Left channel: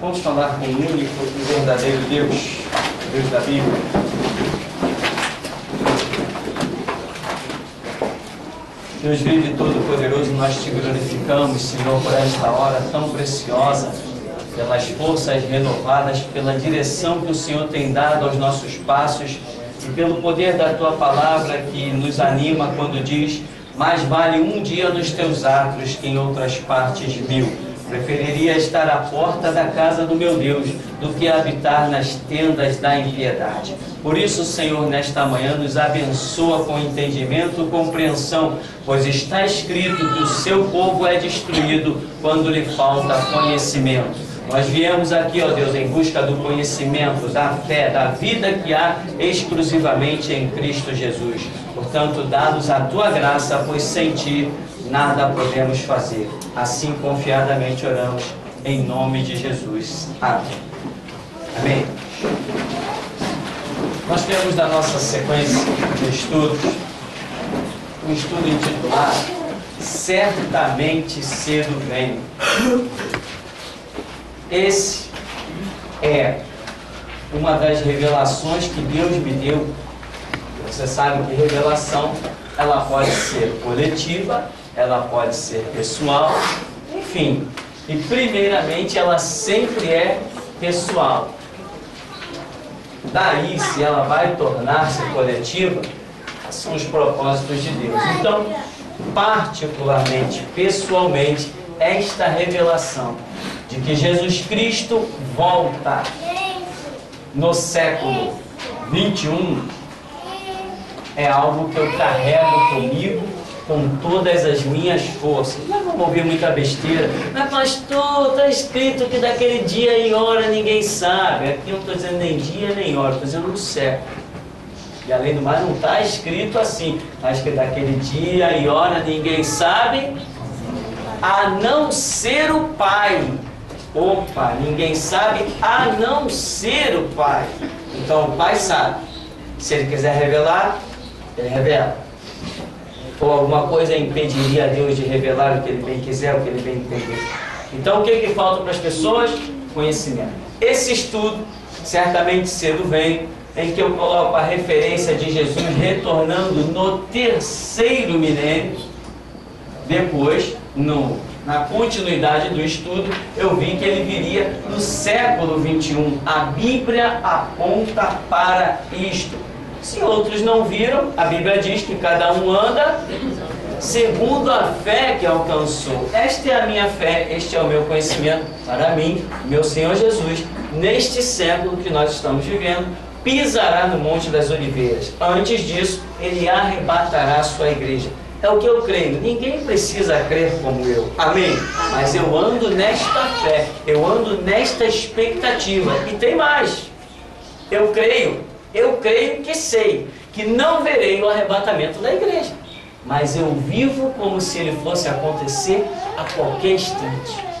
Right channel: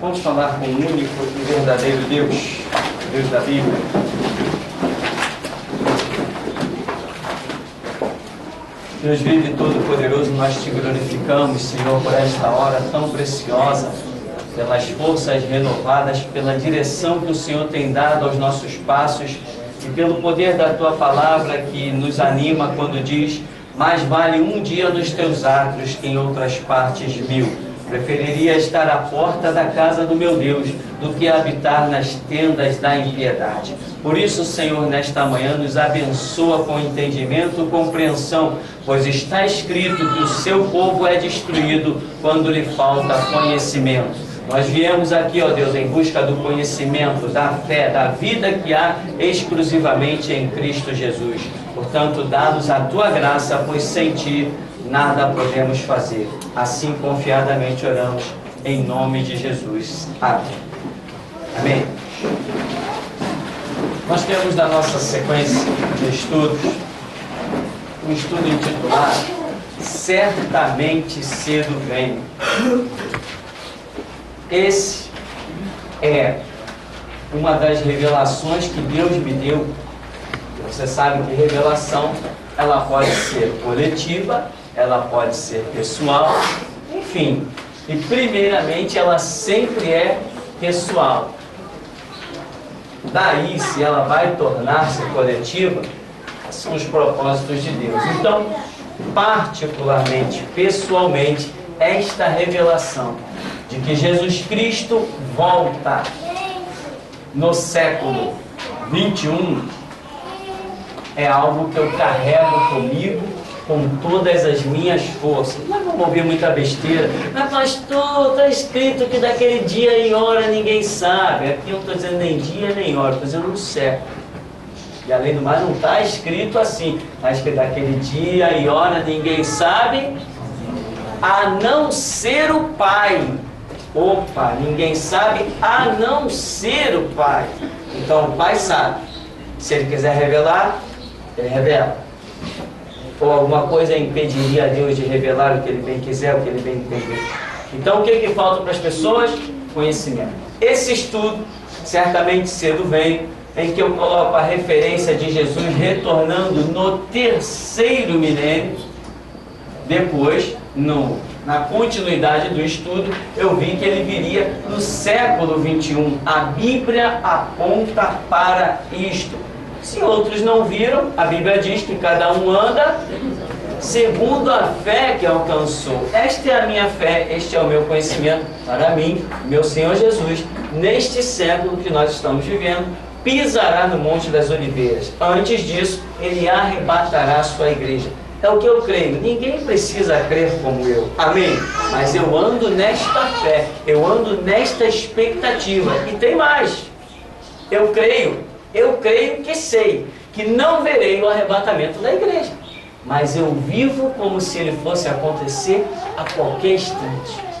Vamos falar com o único e verdadeiro Deus, Deus da Bíblia. Deus vive e todo-poderoso, nós te glorificamos, Senhor, por esta hora tão preciosa, pelas forças renovadas, pela direção que o Senhor tem dado aos nossos passos e pelo poder da Tua palavra que nos anima quando diz: mais vale um dia nos Teus atos que em outras partes 1000. Preferiria estar à porta da casa do meu Deus do que habitar nas tendas da impiedade. Por isso, Senhor, nesta manhã nos abençoa com entendimento e compreensão, pois está escrito que o seu povo é destruído quando lhe falta conhecimento. Nós viemos aqui, ó Deus, em busca do conhecimento, da fé, da vida que há exclusivamente em Cristo Jesus. Portanto, dá-nos a Tua graça, pois sem Ti nada podemos fazer. Assim, confiadamente oramos, em nome de Jesus. Amém. Amém. Nós temos na nossa sequência de estudos um estudo intitulado Certamente Cedo Venho. Esse é uma das revelações que Deus me deu. Você sabe que revelação, ela pode ser coletiva, ela pode ser pessoal, enfim. E primeiramente ela sempre é pessoal. Daí, se ela vai tornar-se coletiva, são os propósitos de Deus. Então, particularmente, pessoalmente, esta revelação de que Jesus Cristo volta no século 21 é algo que eu carrego comigo com todas as minhas forças. Não vamos ouvir muita besteira. Mas pastor, está escrito que daquele dia e hora ninguém sabe. Aqui eu não estou dizendo nem dia nem hora, estou dizendo no século. E além do mais, não está escrito assim. Está escrito daquele dia e hora ninguém sabe, a não ser o Pai. Opa, ninguém sabe a não ser o Pai. Então o Pai sabe. Se Ele quiser revelar, Ele revela. Ou alguma coisa impediria a Deus de revelar o que Ele bem quiser, o que Ele bem entender. Então o que falta para as pessoas? Conhecimento. Esse estudo, certamente cedo vem, em que eu coloco a referência de Jesus retornando no 3º milênio. Depois, na continuidade do estudo, eu vi que Ele viria no século 21. A Bíblia aponta para isto. Se outros não viram, a Bíblia diz que cada um anda segundo a fé que alcançou. Esta é a minha fé, este é o meu conhecimento para mim, meu Senhor Jesus, neste século que nós estamos vivendo, pisará no Monte das Oliveiras. Antes disso, Ele arrebatará a sua igreja. É o que eu creio. Ninguém precisa crer como eu. Amém? Mas eu ando nesta fé, eu ando nesta expectativa. E tem mais. Eu creio que sei que não verei o arrebatamento da igreja, mas eu vivo como se ele fosse acontecer a qualquer instante.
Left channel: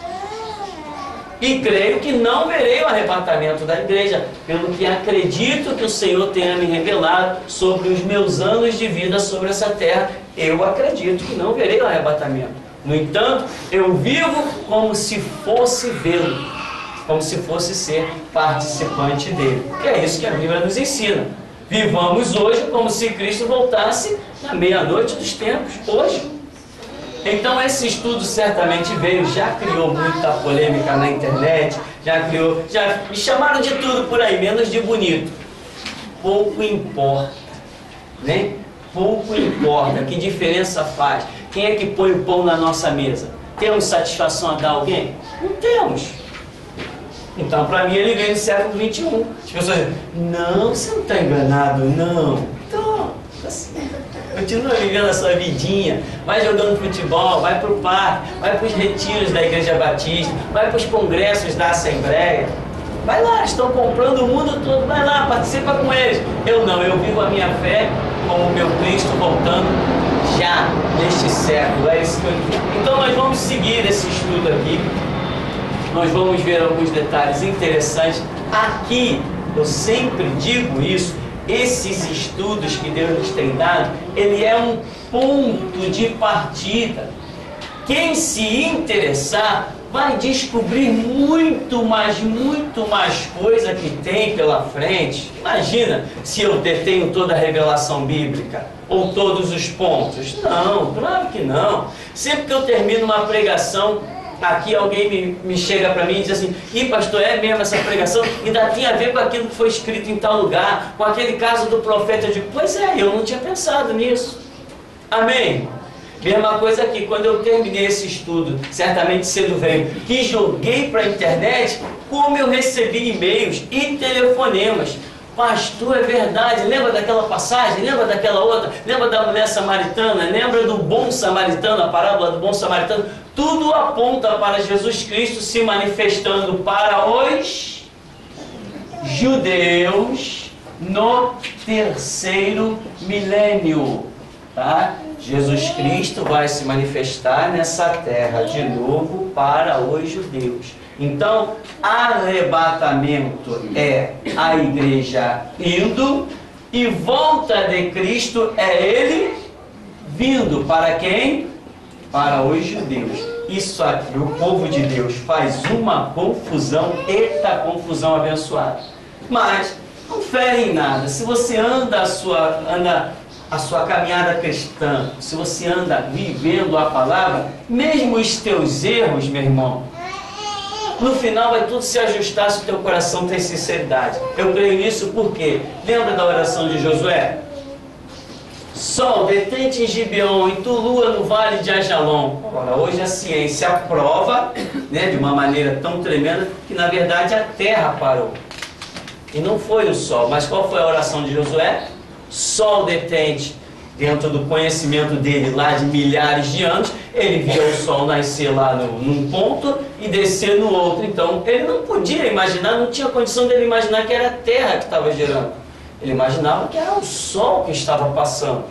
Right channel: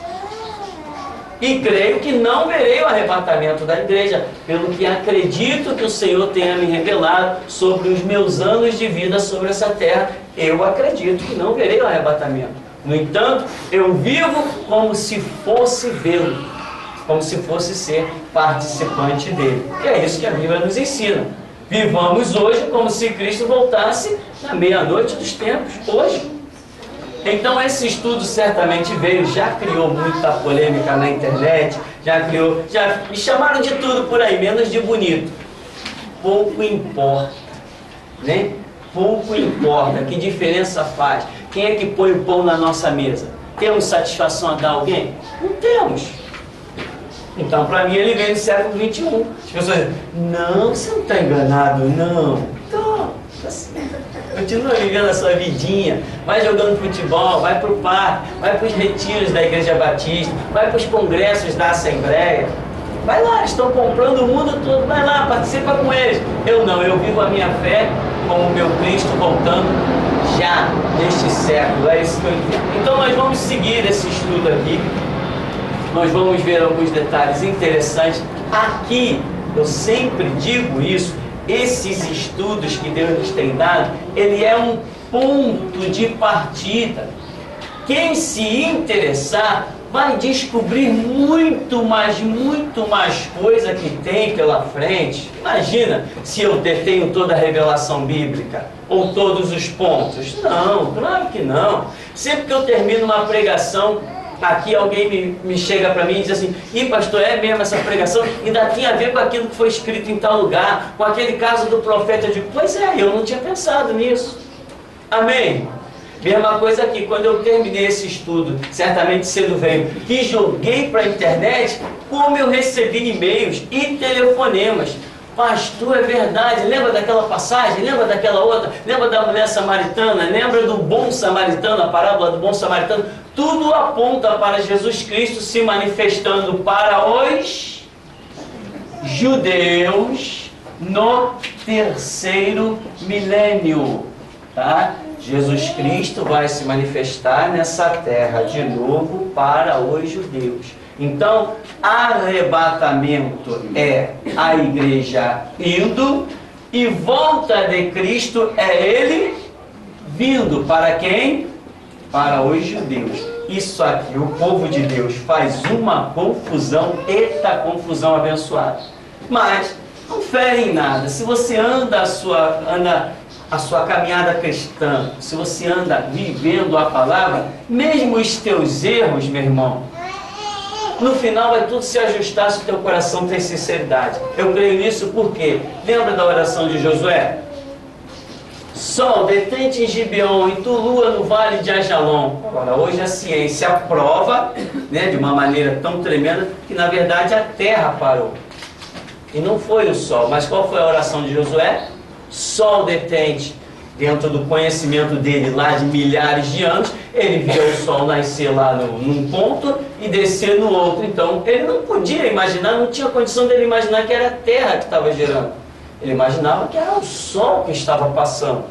E creio que não verei o arrebatamento da igreja, pelo que acredito que o Senhor tenha me revelado sobre os meus anos de vida sobre essa terra. Eu acredito que não verei o arrebatamento. No entanto, eu vivo como se fosse vê-lo, como se fosse ser participante dele. Que é isso que a Bíblia nos ensina. Vivamos hoje como se Cristo voltasse na meia-noite dos tempos, hoje. Então esse estudo certamente veio, já criou muita polêmica na internet, já me chamaram de tudo por aí, menos de bonito. Pouco importa, né? Pouco importa, que diferença faz? Quem é que põe o pão na nossa mesa? Temos satisfação a dar a alguém? Não temos. Então, para mim, ele veio no século 21. As pessoas dizem: não, você não está enganado, não. Então, assim, continua vivendo a sua vidinha, vai jogando futebol, vai para o parque, vai para os retiros da Igreja Batista, vai para os congressos da Assembleia. Vai lá, estão comprando o mundo todo, vai lá, participa com eles. Eu não, eu vivo a minha fé como o meu Cristo voltando já neste século. É isso que eu entendo. Então, nós vamos seguir esse estudo aqui. Nós vamos ver alguns detalhes interessantes. Aqui, eu sempre digo isso, esses estudos que Deus nos tem dado, ele é um ponto de partida. Quem se interessar vai descobrir muito mais coisa que tem pela frente. Imagina se eu detenho toda a revelação bíblica, ou todos os pontos. Não, claro que não. Sempre que eu termino uma pregação, aqui alguém me chega para mim e diz assim: "Ih, pastor, é mesmo essa pregação? Ainda tem a ver com aquilo que foi escrito em tal lugar, com aquele caso do profeta." Eu digo: "Pois é, eu não tinha pensado nisso." Amém? Mesma coisa aqui, quando eu terminei esse estudo, certamente cedo veio, que joguei para a internet, como eu recebi e-mails e telefonemas. "Pastor, é verdade, lembra daquela passagem? Lembra daquela outra? Lembra da mulher samaritana? Lembra do bom samaritano, a parábola do bom samaritano?" Tudo aponta para Jesus Cristo se manifestando para os judeus no terceiro milênio, tá? Jesus Cristo vai se manifestar nessa terra de novo para os judeus. Então, arrebatamento é a igreja indo, e volta de Cristo é Ele vindo. Para quem? Para os judeus. Isso aqui, o povo de Deus faz uma confusão, eita confusão abençoada. Mas não fere em nada. Se você anda a sua caminhada cristã, se você anda vivendo a palavra, mesmo os teus erros, meu irmão, no final vai tudo se ajustar se o teu coração tem sinceridade. Eu creio nisso porque, lembra da oração de Josué? "Sol, detente em Gibeon, e tu, lua, no vale de Ajalon." Agora, hoje a ciência prova, né, de uma maneira tão tremenda, que na verdade a terra parou. E não foi o sol. Mas qual foi a oração de Josué? "Sol, detente." Dentro do conhecimento dele lá de milhares de anos, ele via o sol nascer lá num ponto e descer no outro. Então ele não podia imaginar, não tinha condição dele imaginar que era a terra que estava girando. Ele imaginava que era o sol que estava passando.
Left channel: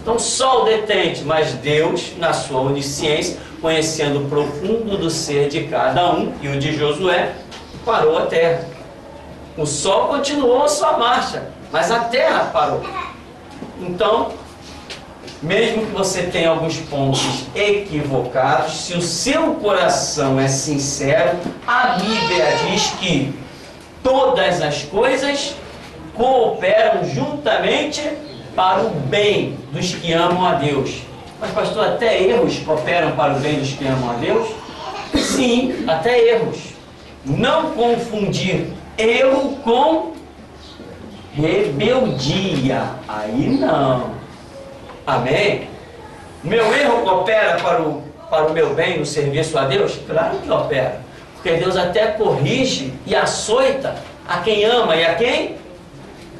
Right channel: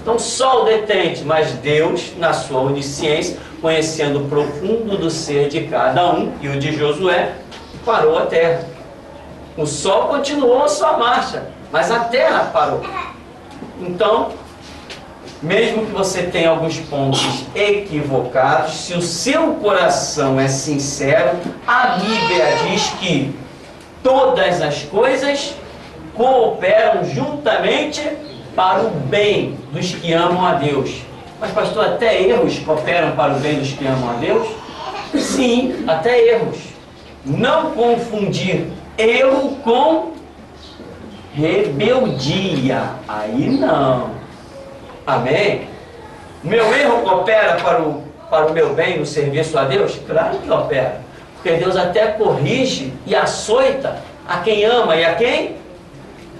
Então, sol, detente. Mas Deus, na sua onisciência, conhecendo o profundo do ser de cada um, e o de Josué, parou a terra. O sol continuou a sua marcha, mas a terra parou. Então, mesmo que você tenha alguns pontos equivocados, se o seu coração é sincero, a Bíblia diz que todas as coisas cooperam juntamente para o bem dos que amam a Deus. Mas, pastor, até erros cooperam para o bem dos que amam a Deus? Sim, até erros. Não confundir erro com rebeldia. Aí não. Amém? Meu erro coopera para o meu bem no serviço a Deus? Claro que opera. Porque Deus até corrige e açoita a quem ama e a quem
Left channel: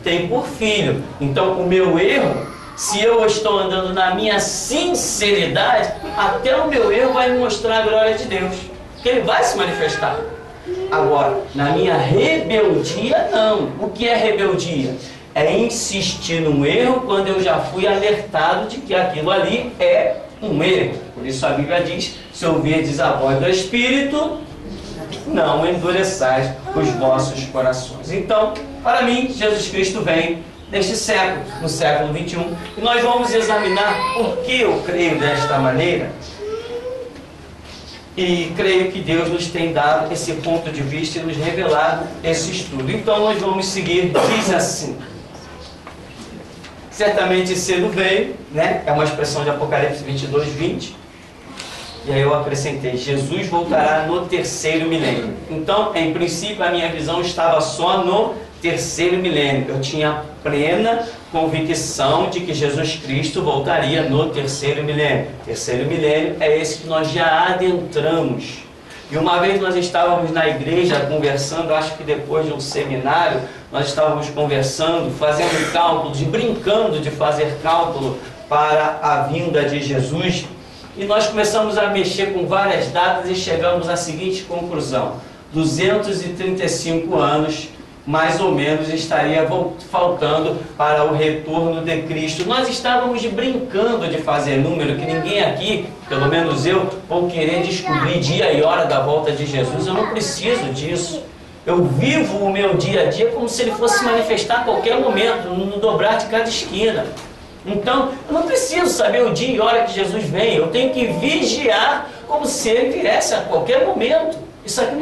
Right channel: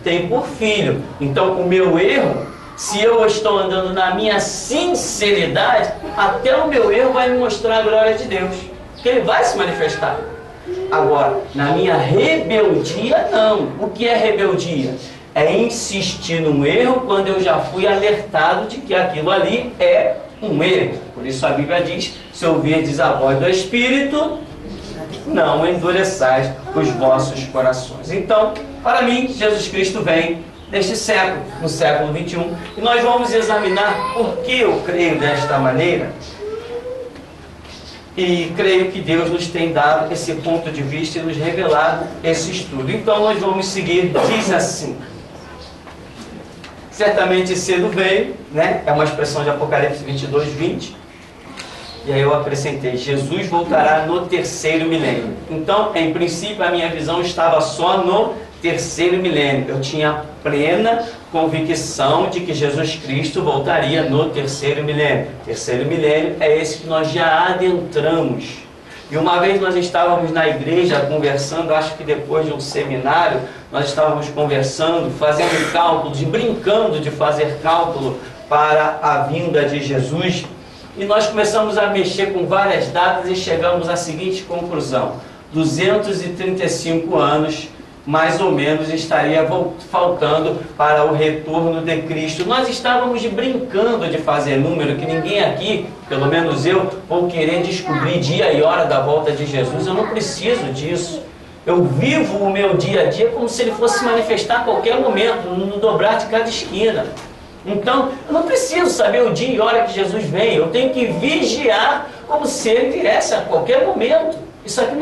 tem por filho. Então, o meu erro, se eu estou andando na minha sinceridade, até o meu erro vai me mostrar a glória de Deus. Porque Ele vai se manifestar. Agora, na minha rebeldia, não. O que é rebeldia? É insistir num erro quando eu já fui alertado de que aquilo ali é um erro. Por isso a Bíblia diz: se ouvirdes a voz do Espírito, não endureçais os vossos corações. Então, para mim, Jesus Cristo vem neste século, no século 21, e nós vamos examinar por que eu creio desta maneira. E creio que Deus nos tem dado esse ponto de vista e nos revelado esse estudo. Então nós vamos seguir, diz assim: certamente cedo veio, né? É uma expressão de Apocalipse 22, 20. E aí eu acrescentei: Jesus voltará no terceiro milênio. Então, em princípio, a minha visão estava só no terceiro milênio. Eu tinha plena convicção de que Jesus Cristo voltaria no terceiro milênio. Terceiro milênio é esse que nós já adentramos. E uma vez nós estávamos na igreja conversando, acho que depois de um seminário, nós estávamos conversando, fazendo cálculos e brincando de fazer cálculo para a vinda de Jesus. E nós começamos a mexer com várias datas e chegamos à seguinte conclusão: 235 anos mais ou menos estaria faltando para o retorno de Cristo. Nós estávamos brincando de fazer número, que ninguém aqui, pelo menos eu, vou querer descobrir dia e hora da volta de Jesus. Eu não preciso disso. Eu vivo o meu dia a dia como se ele fosse se manifestar a qualquer momento, no dobrar de cada esquina. Então, eu não preciso saber o dia e hora que Jesus vem. Eu tenho que vigiar como se ele viesse a qualquer momento. Isso aqui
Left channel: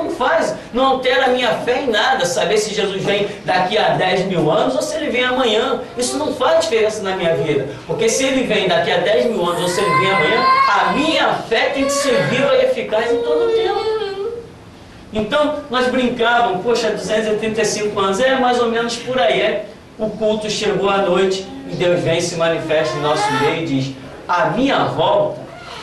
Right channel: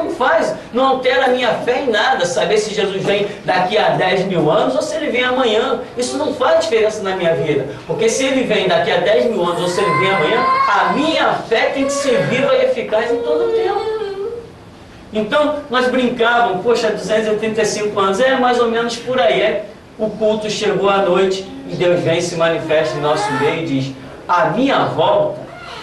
não altera a minha fé em nada, saber se Jesus vem daqui a 10 mil anos ou se ele vem amanhã. Isso não faz diferença na minha vida, porque se ele vem daqui a 10 mil anos ou se ele vem amanhã, a minha fé tem que ser viva e eficaz em todo o tempo. Então, nós brincávamos, poxa, 235 anos, é mais ou menos por aí, O culto chegou à noite e Deus vem e se manifesta em nosso meio e diz: a minha volta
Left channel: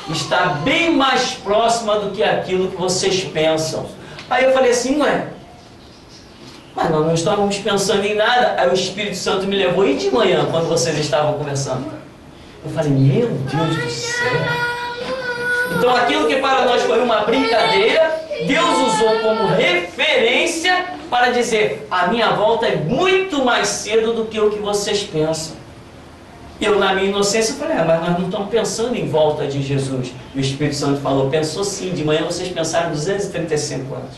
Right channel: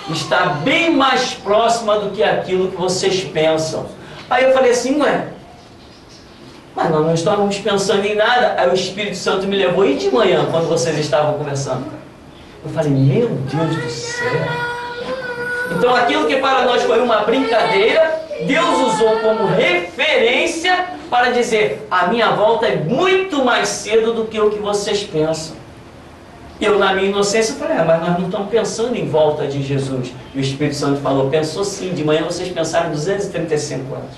está bem mais próxima do que aquilo que vocês pensam. Aí eu falei assim, mas nós não estávamos pensando em nada. Aí o Espírito Santo me levou, e de manhã, quando vocês estavam conversando? Eu falei, meu Deus do céu. Então aquilo que para nós foi uma brincadeira, Deus usou como referência para dizer: a minha volta é muito mais cedo do que o que vocês pensam. Eu, na minha inocência, falei, mas nós não estamos pensando em volta de Jesus. E o Espírito Santo falou, pensou sim, de manhã vocês pensaram 235 anos.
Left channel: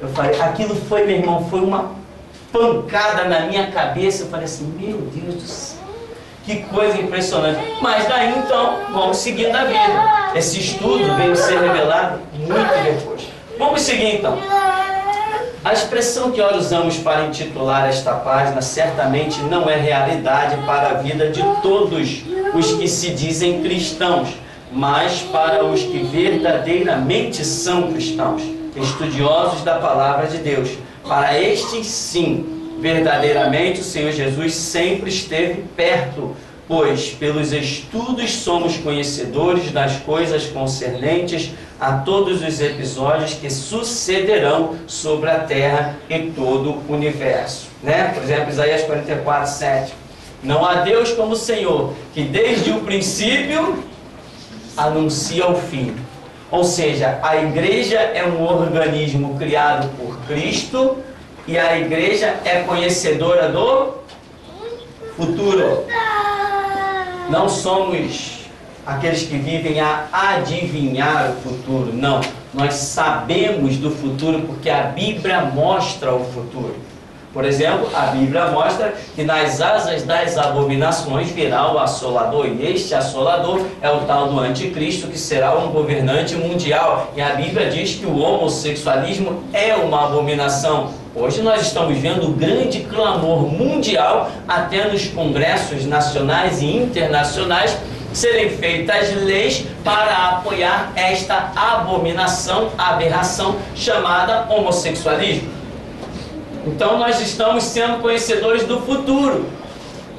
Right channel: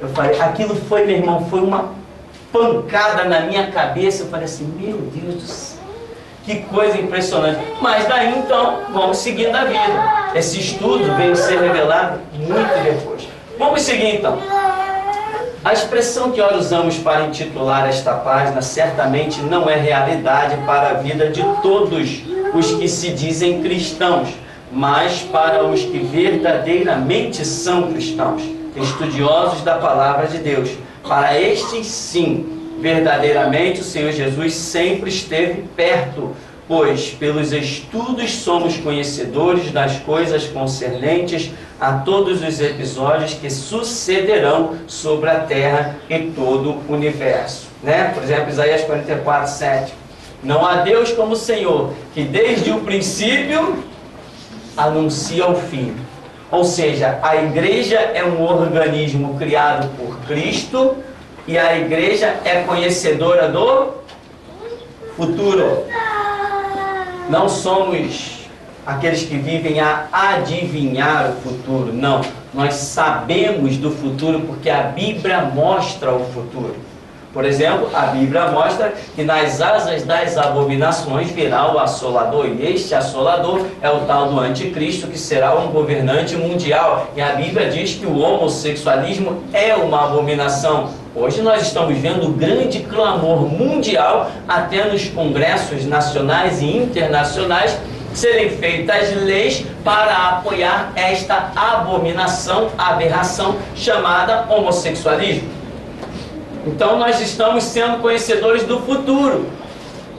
Eu falei, aquilo foi, meu irmão, foi uma pancada na minha cabeça. Eu falei assim, meu Deus do céu, que coisa impressionante. Mas daí então, vamos seguindo a vida. Esse estudo veio ser revelado muito depois. Vamos seguir então. A expressão que nós usamos para intitular esta página certamente não é realidade para a vida de todos os que se dizem cristãos, mas para os que verdadeiramente são cristãos, estudiosos da palavra de Deus. Para estes, sim, verdadeiramente o Senhor Jesus sempre esteve perto, pois pelos estudos somos conhecedores das coisas concernentes a todos os episódios que sucederão sobre a terra e todo o universo. Por exemplo, Isaías 44, 7. Não há Deus como o Senhor, que desde o princípio anuncia o fim. Ou seja, a igreja é um organismo criado por Cristo e a igreja é conhecedora do futuro. Não somos aqueles que vivem a adivinhar o futuro. Não, nós sabemos do futuro porque a Bíblia mostra o futuro. Por exemplo, a Bíblia mostra que nas asas das abominações virá o assolador. E este assolador é o tal do anticristo, que será um governante mundial. E a Bíblia diz que o homossexualismo é uma abominação. Hoje nós estamos vendo o grande clamor mundial, até nos congressos nacionais e internacionais, serem feitas leis para apoiar esta abominação, aberração chamada homossexualismo. Então nós estamos sendo conhecedores do futuro.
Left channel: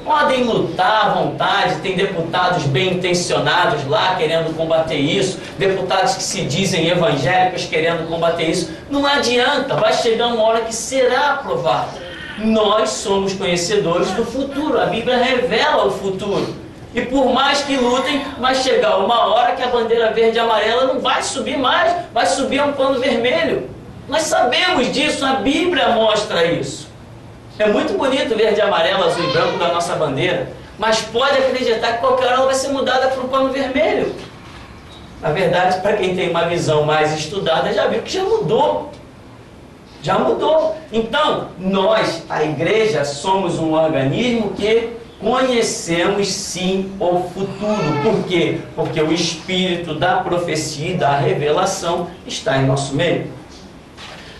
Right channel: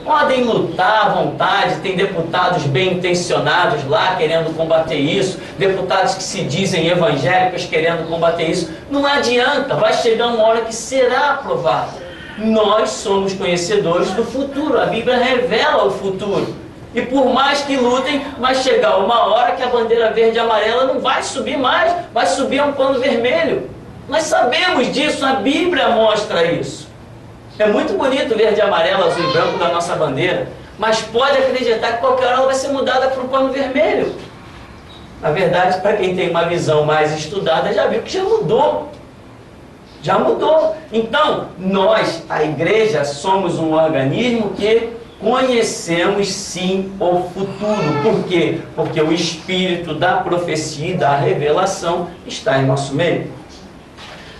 Podem lutar à vontade, tem deputados bem intencionados lá querendo combater isso, deputados que se dizem evangélicos querendo combater isso. Não adianta, vai chegar uma hora que será aprovado. Nós somos conhecedores do futuro, a Bíblia revela o futuro. E por mais que lutem, vai chegar uma hora que a bandeira verde e amarela não vai subir mais, vai subir um pano vermelho. Nós sabemos disso, a Bíblia mostra isso. É muito bonito verde, amarelo, azul e branco da nossa bandeira, mas pode acreditar que qualquer hora ela vai ser mudada para um pano vermelho. Na verdade, para quem tem uma visão mais estudada, já viu que já mudou. Já mudou. Então, nós, a igreja, somos um organismo que conhecemos sim o futuro. Por quê? Porque o espírito da profecia e da revelação está em nosso meio.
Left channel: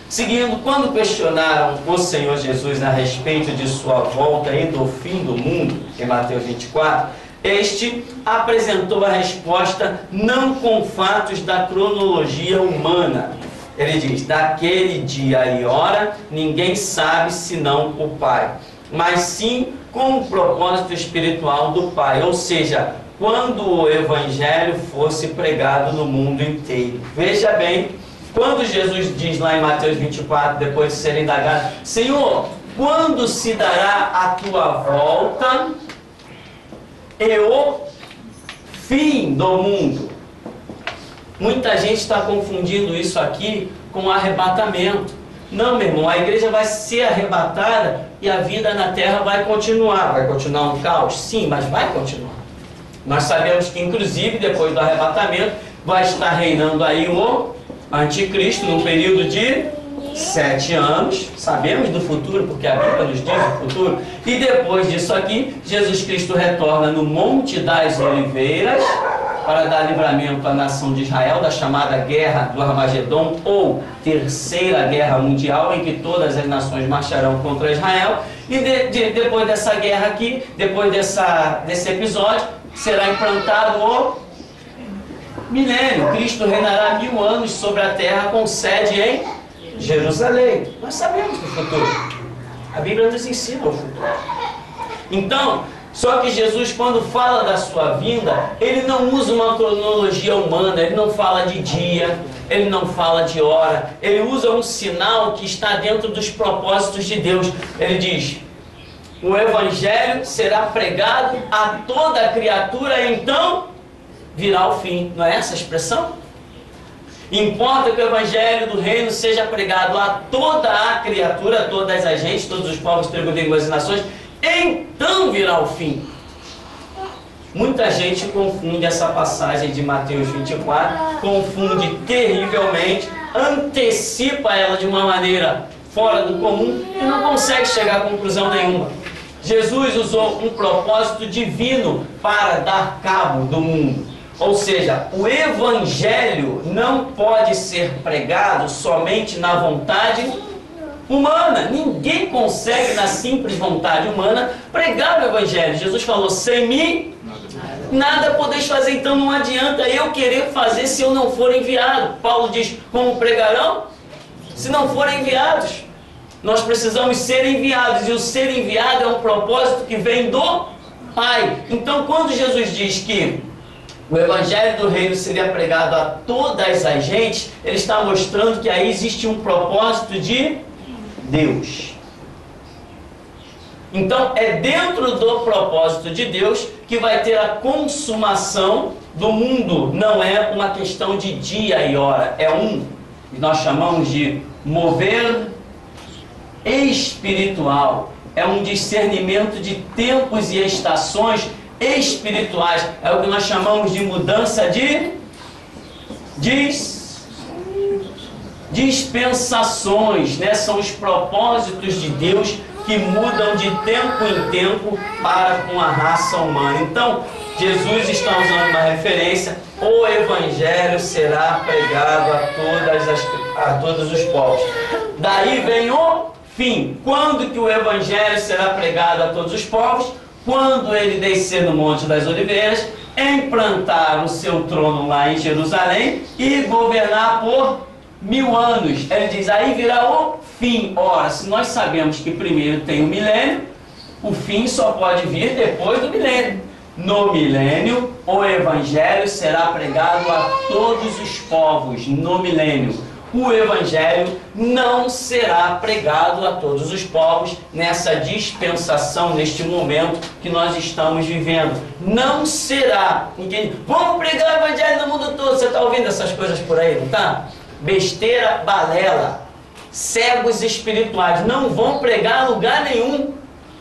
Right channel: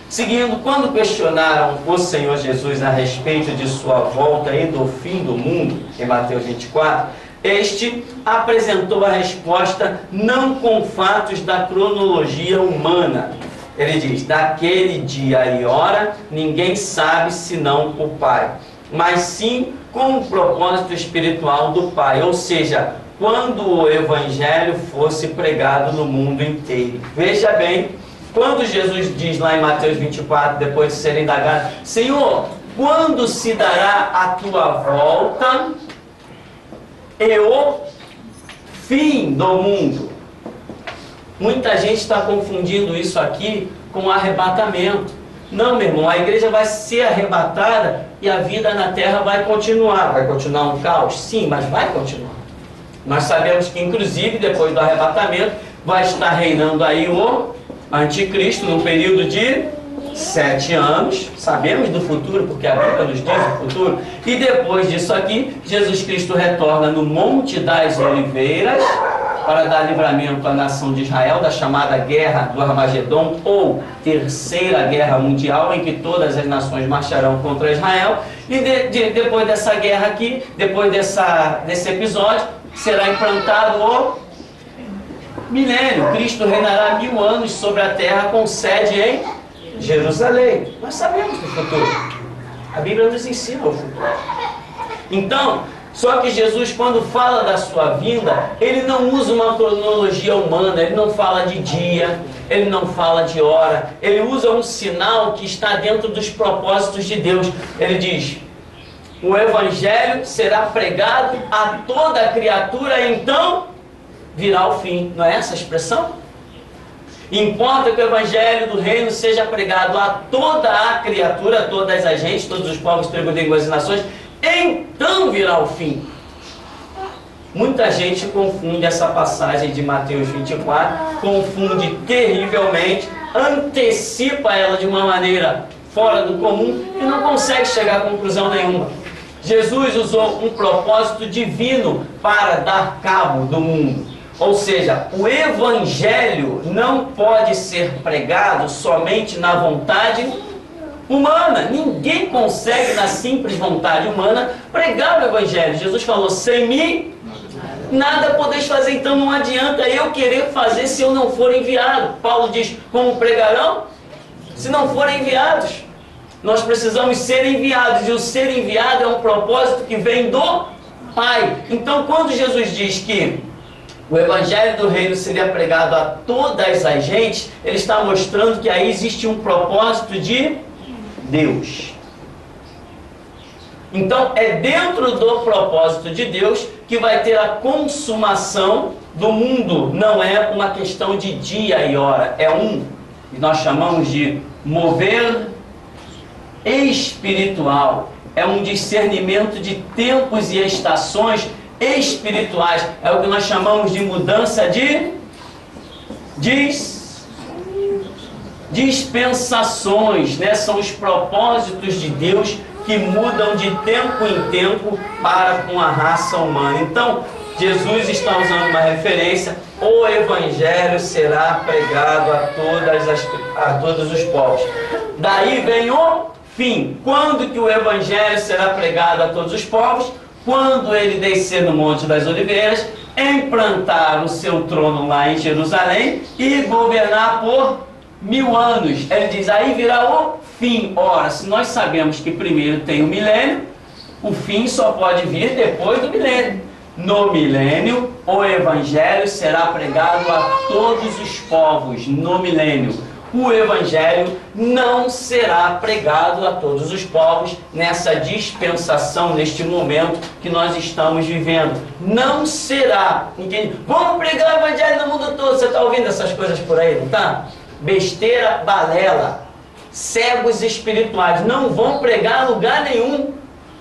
Seguindo, quando questionaram o Senhor Jesus a respeito de sua volta e do fim do mundo, em Mateus 24, este apresentou a resposta não com fatos da cronologia humana. Ele diz, daquele dia e hora ninguém sabe senão o Pai, mas sim com o propósito espiritual do Pai, ou seja, quando o Evangelho fosse pregado no mundo inteiro. Veja bem, quando Jesus diz lá em Mateus 24, depois de ser indagado, Senhor, quando se dará a tua volta e o fim do mundo? Muita gente está confundindo isso aqui com arrebatamento. Não, meu irmão, a igreja vai ser arrebatada e a vida na terra vai continuar. Vai continuar um caos? Sim, mas vai continuar. Nós sabemos que, inclusive, depois do arrebatamento, vai estar reinando aí o anticristo num período de 7 anos. Sabemos do futuro, porque a Bíblia nos diz o futuro. E depois disso aqui, Jesus Cristo retorna no Monte das Oliveiras para dar livramento à nação de Israel, da chamada Guerra do Armagedon, ou Terceira Guerra Mundial, em que todas as nações marcharão contra Israel. E depois dessa guerra aqui, depois desse episódio, será implantado o milênio. Cristo reinará 1000 anos sobre a terra, com sede em Jerusalém. Nós sabemos do futuro. A Bíblia nos ensina o futuro. Então, só que Jesus, quando fala da sua vinda, ele não usa uma cronologia humana, ele não fala de dia, ele não fala de hora, ele usa um sinal que está dentro dos propósitos de Deus. Ele diz: o Evangelho será pregado a toda a criatura, então virá o fim. Não é essa a expressão? Importa que o Evangelho do Reino seja pregado a toda a criatura, a todas as gentes, todos os povos, tribos, línguas e nações, então virá o fim. Muita gente confunde essa passagem de Mateus 24, confunde terrivelmente, antecipa ela de uma maneira fora do comum e não consegue chegar a conclusão nenhuma. Jesus usou um propósito divino para dar cabo do mundo. Ou seja, o Evangelho não pode ser pregado somente na vontade humana. Ninguém consegue, na simples vontade humana, pregar o Evangelho. Jesus falou: sem mim nada podeis fazer. Então não adianta eu querer fazer se eu não for enviado. Paulo diz: como pregarão se não forem enviados? Nós precisamos ser enviados, e o ser enviado é um propósito que vem do Pai. Então, quando Jesus diz que o Evangelho do Reino seria pregado a todas as gentes, ele está mostrando que aí existe um propósito de Deus. Então, é dentro do propósito de Deus que vai ter a consumação do mundo. Não é uma questão de dia e hora, é que nós chamamos de mover espiritual. É um discernimento de tempos e estações espirituais. É o que nós chamamos de mudança de dispensações, né? São os propósitos de Deus que mudam de tempo em tempo para com a raça humana. Então, Jesus está usando uma referência: o Evangelho será pregado a todos os povos. Daí vem o fim. Quando que o Evangelho será pregado a todos os povos? Quando ele descer no Monte das Oliveiras, implantar o seu trono lá em Jerusalém e governar por 1000 anos. Ele diz: aí virá o fim. Ora, se nós sabemos que primeiro tem o milênio, o fim só pode vir depois do milênio. No milênio, o Evangelho será pregado a todos os povos. No milênio, o Evangelho não será pregado a todos os povos nessa dispensação, neste momento que nós estamos vivendo. Não será. Vamos pregar o Evangelho no mundo todo. Você está ouvindo essas coisas por aí, não está? Besteira, balela. Cegos espirituais não vão pregar a lugar nenhum.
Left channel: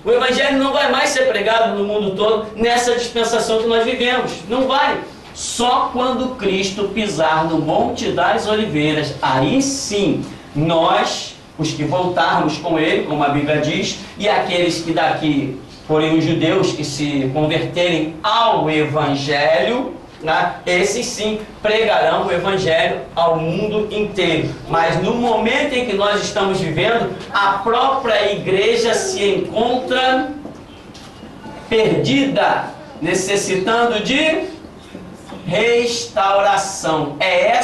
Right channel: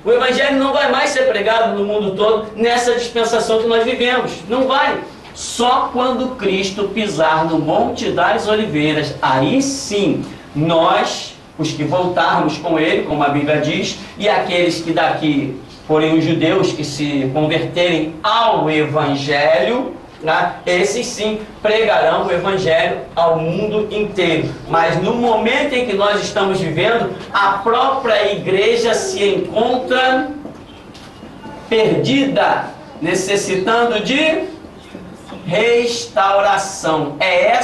O Evangelho não vai mais ser pregado no mundo todo nessa dispensação que nós vivemos. Não vai. Só quando Cristo pisar no Monte das Oliveiras, aí sim, nós, os que voltarmos com Ele, como a Bíblia diz, e aqueles que daqui, porém os judeus que se converterem ao Evangelho, né, esses sim pregarão o Evangelho ao mundo inteiro. Mas no momento em que nós estamos vivendo, a própria igreja se encontra perdida, necessitando de restauração. É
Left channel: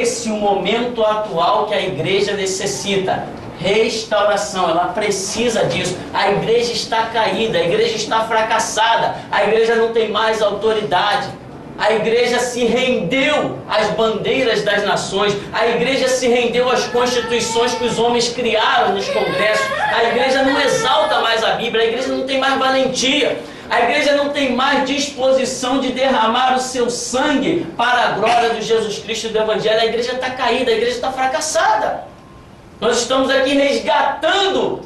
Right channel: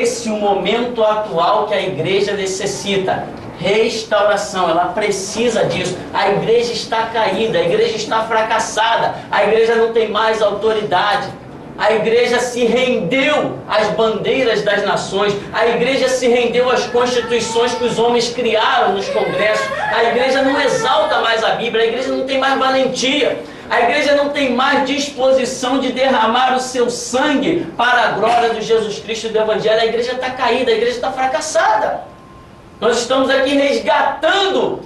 esse o momento atual que a igreja necessita. Restauração, ela precisa disso. A igreja está caída, a igreja está fracassada, a igreja não tem mais autoridade. A igreja se rendeu às bandeiras das nações, a igreja se rendeu às constituições que os homens criaram nos congressos. A igreja não exalta mais a Bíblia, a igreja não tem mais valentia. A igreja não tem mais disposição de derramar o seu sangue para a glória de Jesus Cristo e do Evangelho. A igreja está caída, a igreja está fracassada. Nós estamos aqui resgatando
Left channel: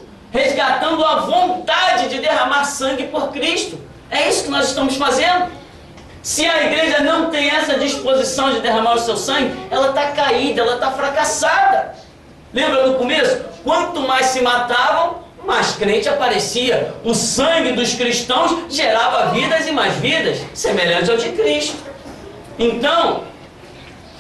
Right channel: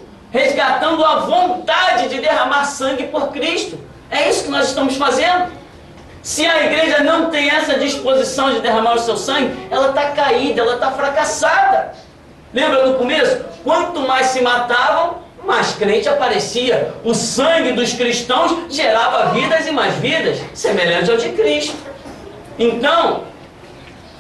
a vontade de derramar sangue por Cristo. É isso que nós estamos fazendo. Se a igreja não tem essa disposição de derramar o seu sangue, ela está caída, ela está fracassada. Lembra no começo? Quanto mais se matavam, mais crente aparecia. O sangue dos cristãos gerava vidas e mais vidas, semelhante ao de Cristo. Então,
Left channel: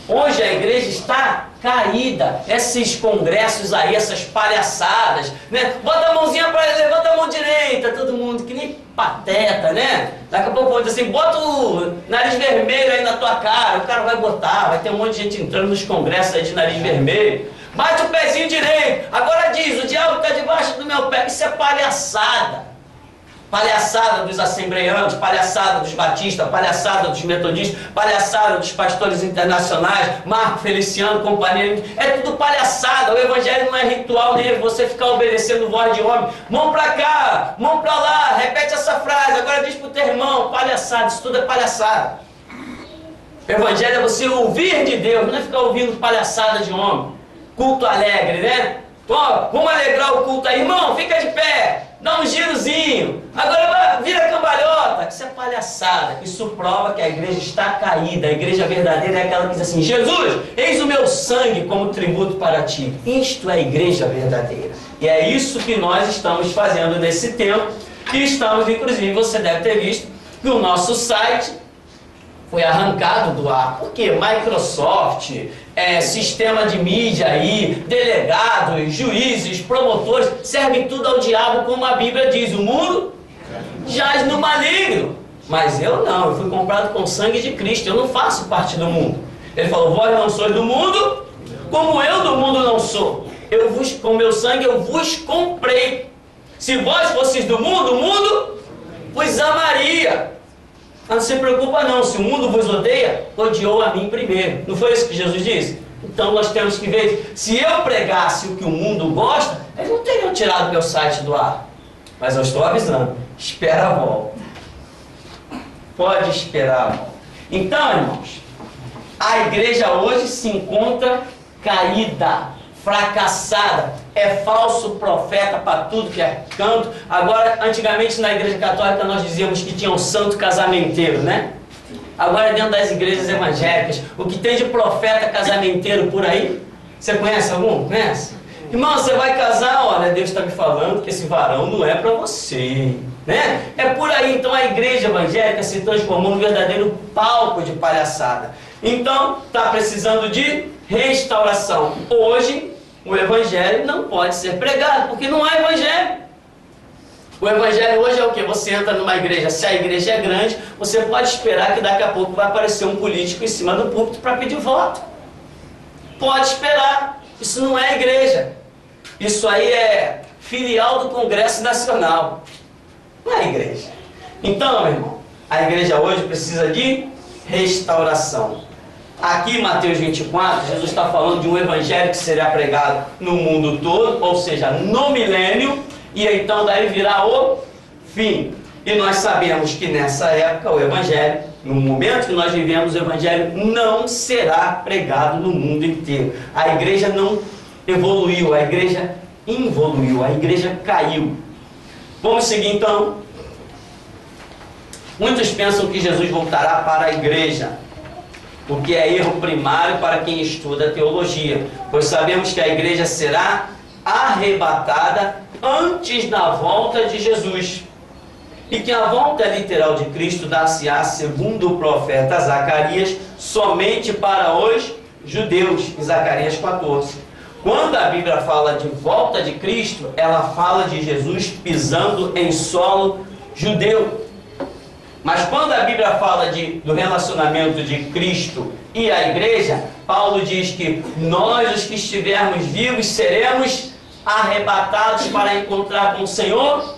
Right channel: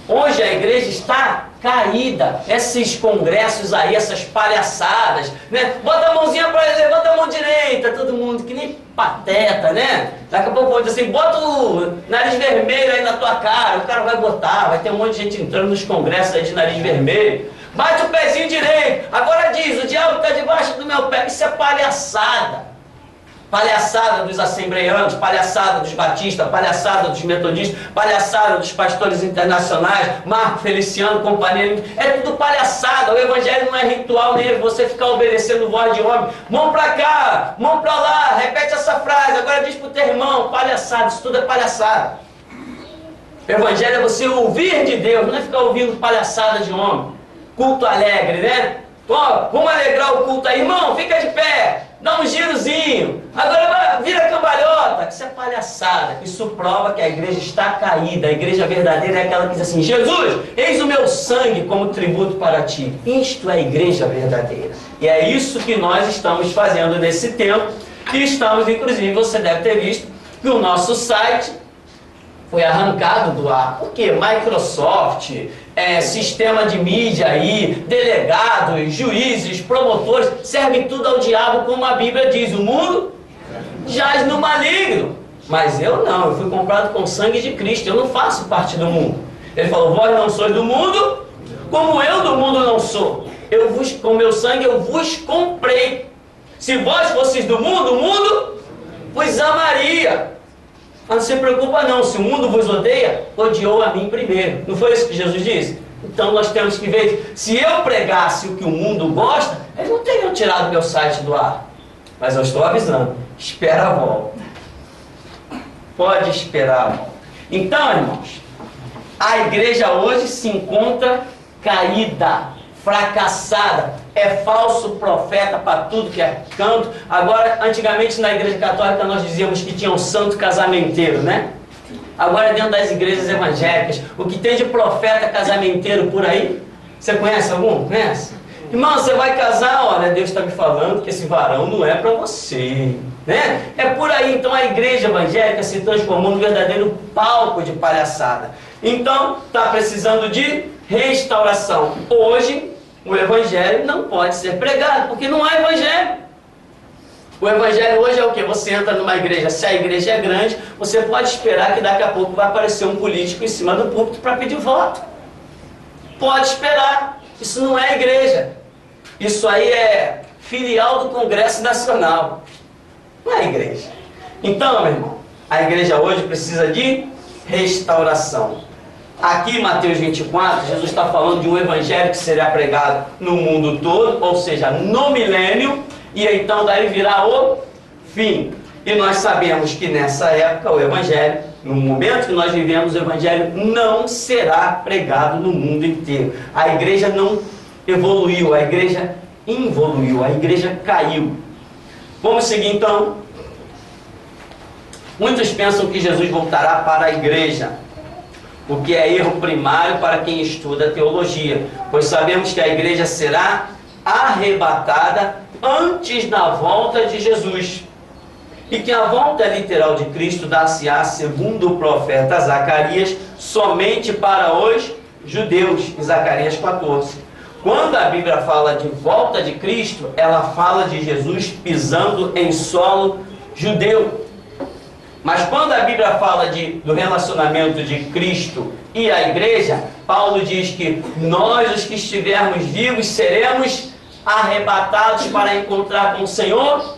hoje a igreja está caída. Esses congressos aí, essas palhaçadas, né? Bota a mãozinha para ele, levanta a mão direita, todo mundo, que nem pateta, né? Daqui a pouco vão dizer assim, bota o nariz vermelho aí na tua cara. O cara vai botar, vai ter um monte de gente entrando nos congressos aí de nariz vermelho. Bate o pezinho direito. Agora diz, o diabo está debaixo do meu pé. Isso é palhaçada. Palhaçada dos assembleianos, palhaçada dos batistas, palhaçada dos metodistas, palhaçada dos pastores internacionais, Marco Feliciano, companheiro. É tudo palhaçada. O evangelho não é ritual nem é você ficar obedecendo voz de homem. Mão pra cá, mão pra lá, repete essa frase, agora diz pro teu irmão. Palhaçada, isso tudo é palhaçada. O evangelho é você ouvir de Deus, não é ficar ouvindo palhaçada de homem. Culto alegre, né? Ó, vamos alegrar o culto aí, irmão, fica de pé, dá um girozinho, agora vira cambalhota. Isso é palhaçada. Isso prova que a igreja está caída. A igreja verdadeira é aquela que diz assim, Jesus, eis o meu sangue como tributo para ti. Isto é a igreja verdadeira. E é isso que nós estamos fazendo nesse tempo. E estamos, inclusive, você deve ter visto que o nosso site foi arrancado do ar. Por quê? Microsoft, sistema de mídia aí, delegados, juízes, promotores, servem tudo ao diabo, como a Bíblia diz. O mundo jaz no maligno. Mas eu não, eu fui comprado com o sangue de Cristo, eu não faço parte do mundo. Ele falou, vós não sois do mundo, como eu do mundo não sou. Com meu sangue eu vos comprei. Se vós fosseis do mundo, o mundo vos amaria. Mas não se preocupa não, se o mundo vos odeia, odiou a mim primeiro. Não foi isso que Jesus disse? Então nós temos que ver, se eu pregasse o que o mundo gosta, eles não teriam tirado meu site do ar. Mas eu estou avisando, espera a volta. Pode esperar a volta. Então, irmãos, a igreja hoje se encontra caída, fracassada, é falso profeta para tudo que é canto. Agora, antigamente na igreja católica nós dizíamos que tinha um santo casamenteiro, né? Agora dentro das igrejas evangélicas, o que tem de profeta casamenteiro por aí? Você conhece algum? Conhece? Irmão, você vai casar, olha, Deus está me falando que esse varão não é para você, né? É por aí. Então a igreja evangélica se transformou num verdadeiro palco de palhaçada. Então, está precisando de restauração. Hoje, o evangelho não pode ser pregado, porque não há evangelho. O evangelho hoje é o que? Você entra numa igreja, se a igreja é grande, você pode esperar que daqui a pouco vai aparecer um político em cima do púlpito para pedir voto. Pode esperar. Isso não é igreja. Isso aí é filial do Congresso Nacional. Não é igreja. Então, meu irmão, a igreja hoje precisa de restauração. Aqui em Mateus 24, Jesus está falando de um evangelho que será pregado no mundo todo, ou seja, no milênio, e então daí virá o fim. E nós sabemos que nessa época o evangelho, no momento que nós vivemos, o evangelho não será pregado no mundo inteiro. A igreja não evoluiu, a igreja involuiu, a igreja caiu. Vamos seguir então. Muitos pensam que Jesus voltará para a igreja, o que é erro primário para quem estuda teologia, pois sabemos que a igreja será arrebatada antes da volta de Jesus, e que a volta literal de Cristo dar-se-á, segundo o profeta Zacarias, somente para os judeus, em Zacarias 14. Quando a Bíblia fala de volta de Cristo, ela fala de Jesus pisando em solo judeu. Mas quando a Bíblia fala do relacionamento de Cristo e a igreja, Paulo diz que nós, os que estivermos vivos, seremos arrebatados para encontrar com o Senhor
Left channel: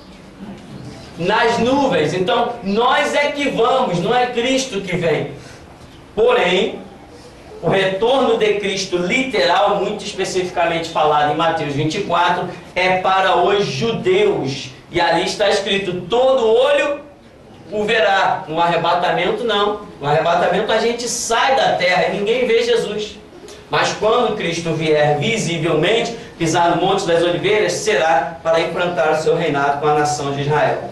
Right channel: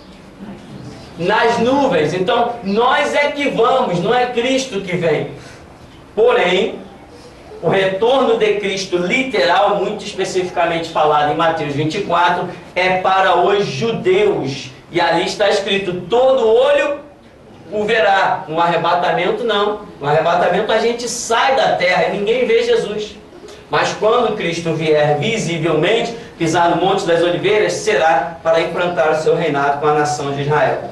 nas nuvens. Então, nós é que vamos, não é Cristo que vem. Porém, o retorno de Cristo literal, muito especificamente falado em Mateus 24, é para os judeus. E ali está escrito, todo olho o verá. No arrebatamento não. No arrebatamento a gente sai da terra e ninguém vê Jesus. Mas quando Cristo vier visivelmente, pisar no Monte das Oliveiras, será para implantar o seu reinado com a nação de Israel.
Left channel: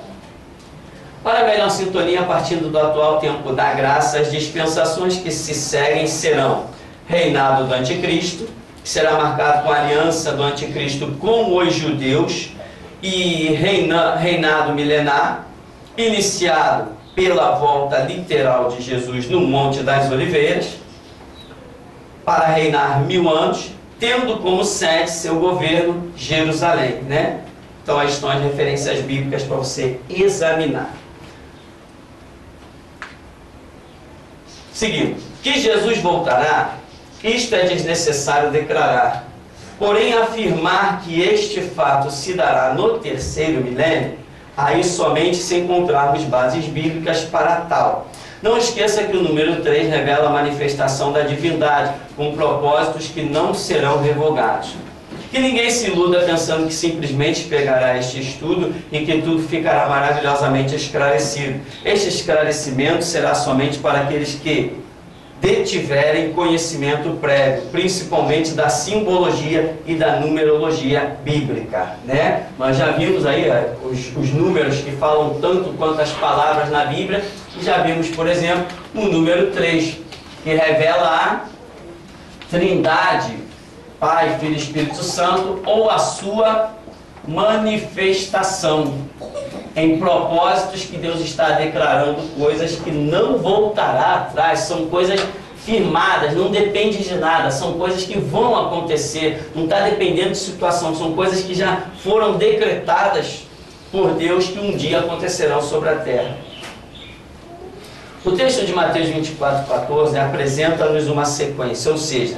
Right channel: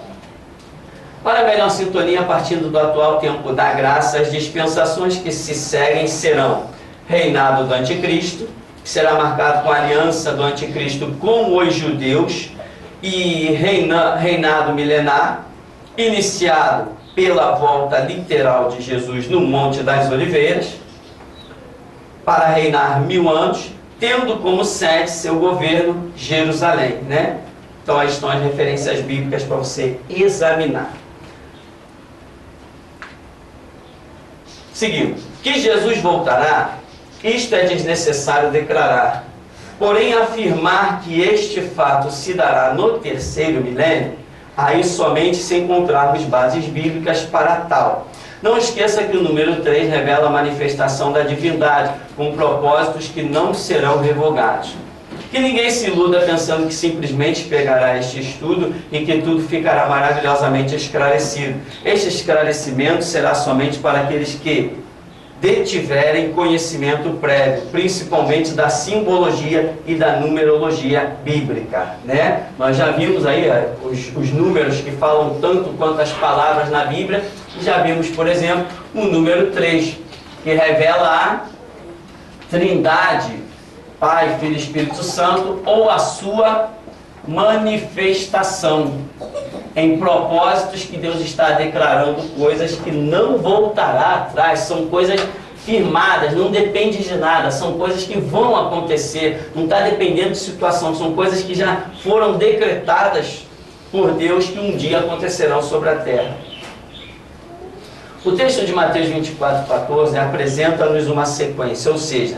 Para a melhor sintonia, partindo do atual tempo da graça, as dispensações que se seguem serão reinado do anticristo, que será marcado com a aliança do anticristo com os judeus, e reinado milenar, iniciado pela volta literal de Jesus no Monte das Oliveiras, para reinar 1000 anos, tendo como sede seu governo Jerusalém, né? Então, aí estão as referências bíblicas para você examinar. Seguindo, que Jesus voltará, isto é desnecessário declarar. Porém, afirmar que este fato se dará no terceiro milênio, aí somente se encontrarmos bases bíblicas para tal. Não esqueça que o número 3 revela a manifestação da divindade, com propósitos que não serão revogados. Que ninguém se iluda pensando que simplesmente pegará este estudo e que tudo ficará maravilhosamente esclarecido. Este esclarecimento será somente para aqueles que detiverem conhecimento prévio, principalmente da simbologia e da numerologia bíblica, né? Nós já vimos aí os números que falam tanto quanto as palavras na Bíblia, e já vimos, por exemplo, o número 3, que revela a Trindade, Pai, Filho e Espírito Santo, ou a sua manifestação, em propósitos que Deus está declarando, coisas que não voltará atrás, são coisas firmadas, não depende de nada, são coisas que vão acontecer, não está dependendo de situação, são coisas que já foram decretadas por Deus que um dia acontecerão sobre a terra. O texto de Mateus 24:14 apresenta-nos uma sequência, ou seja,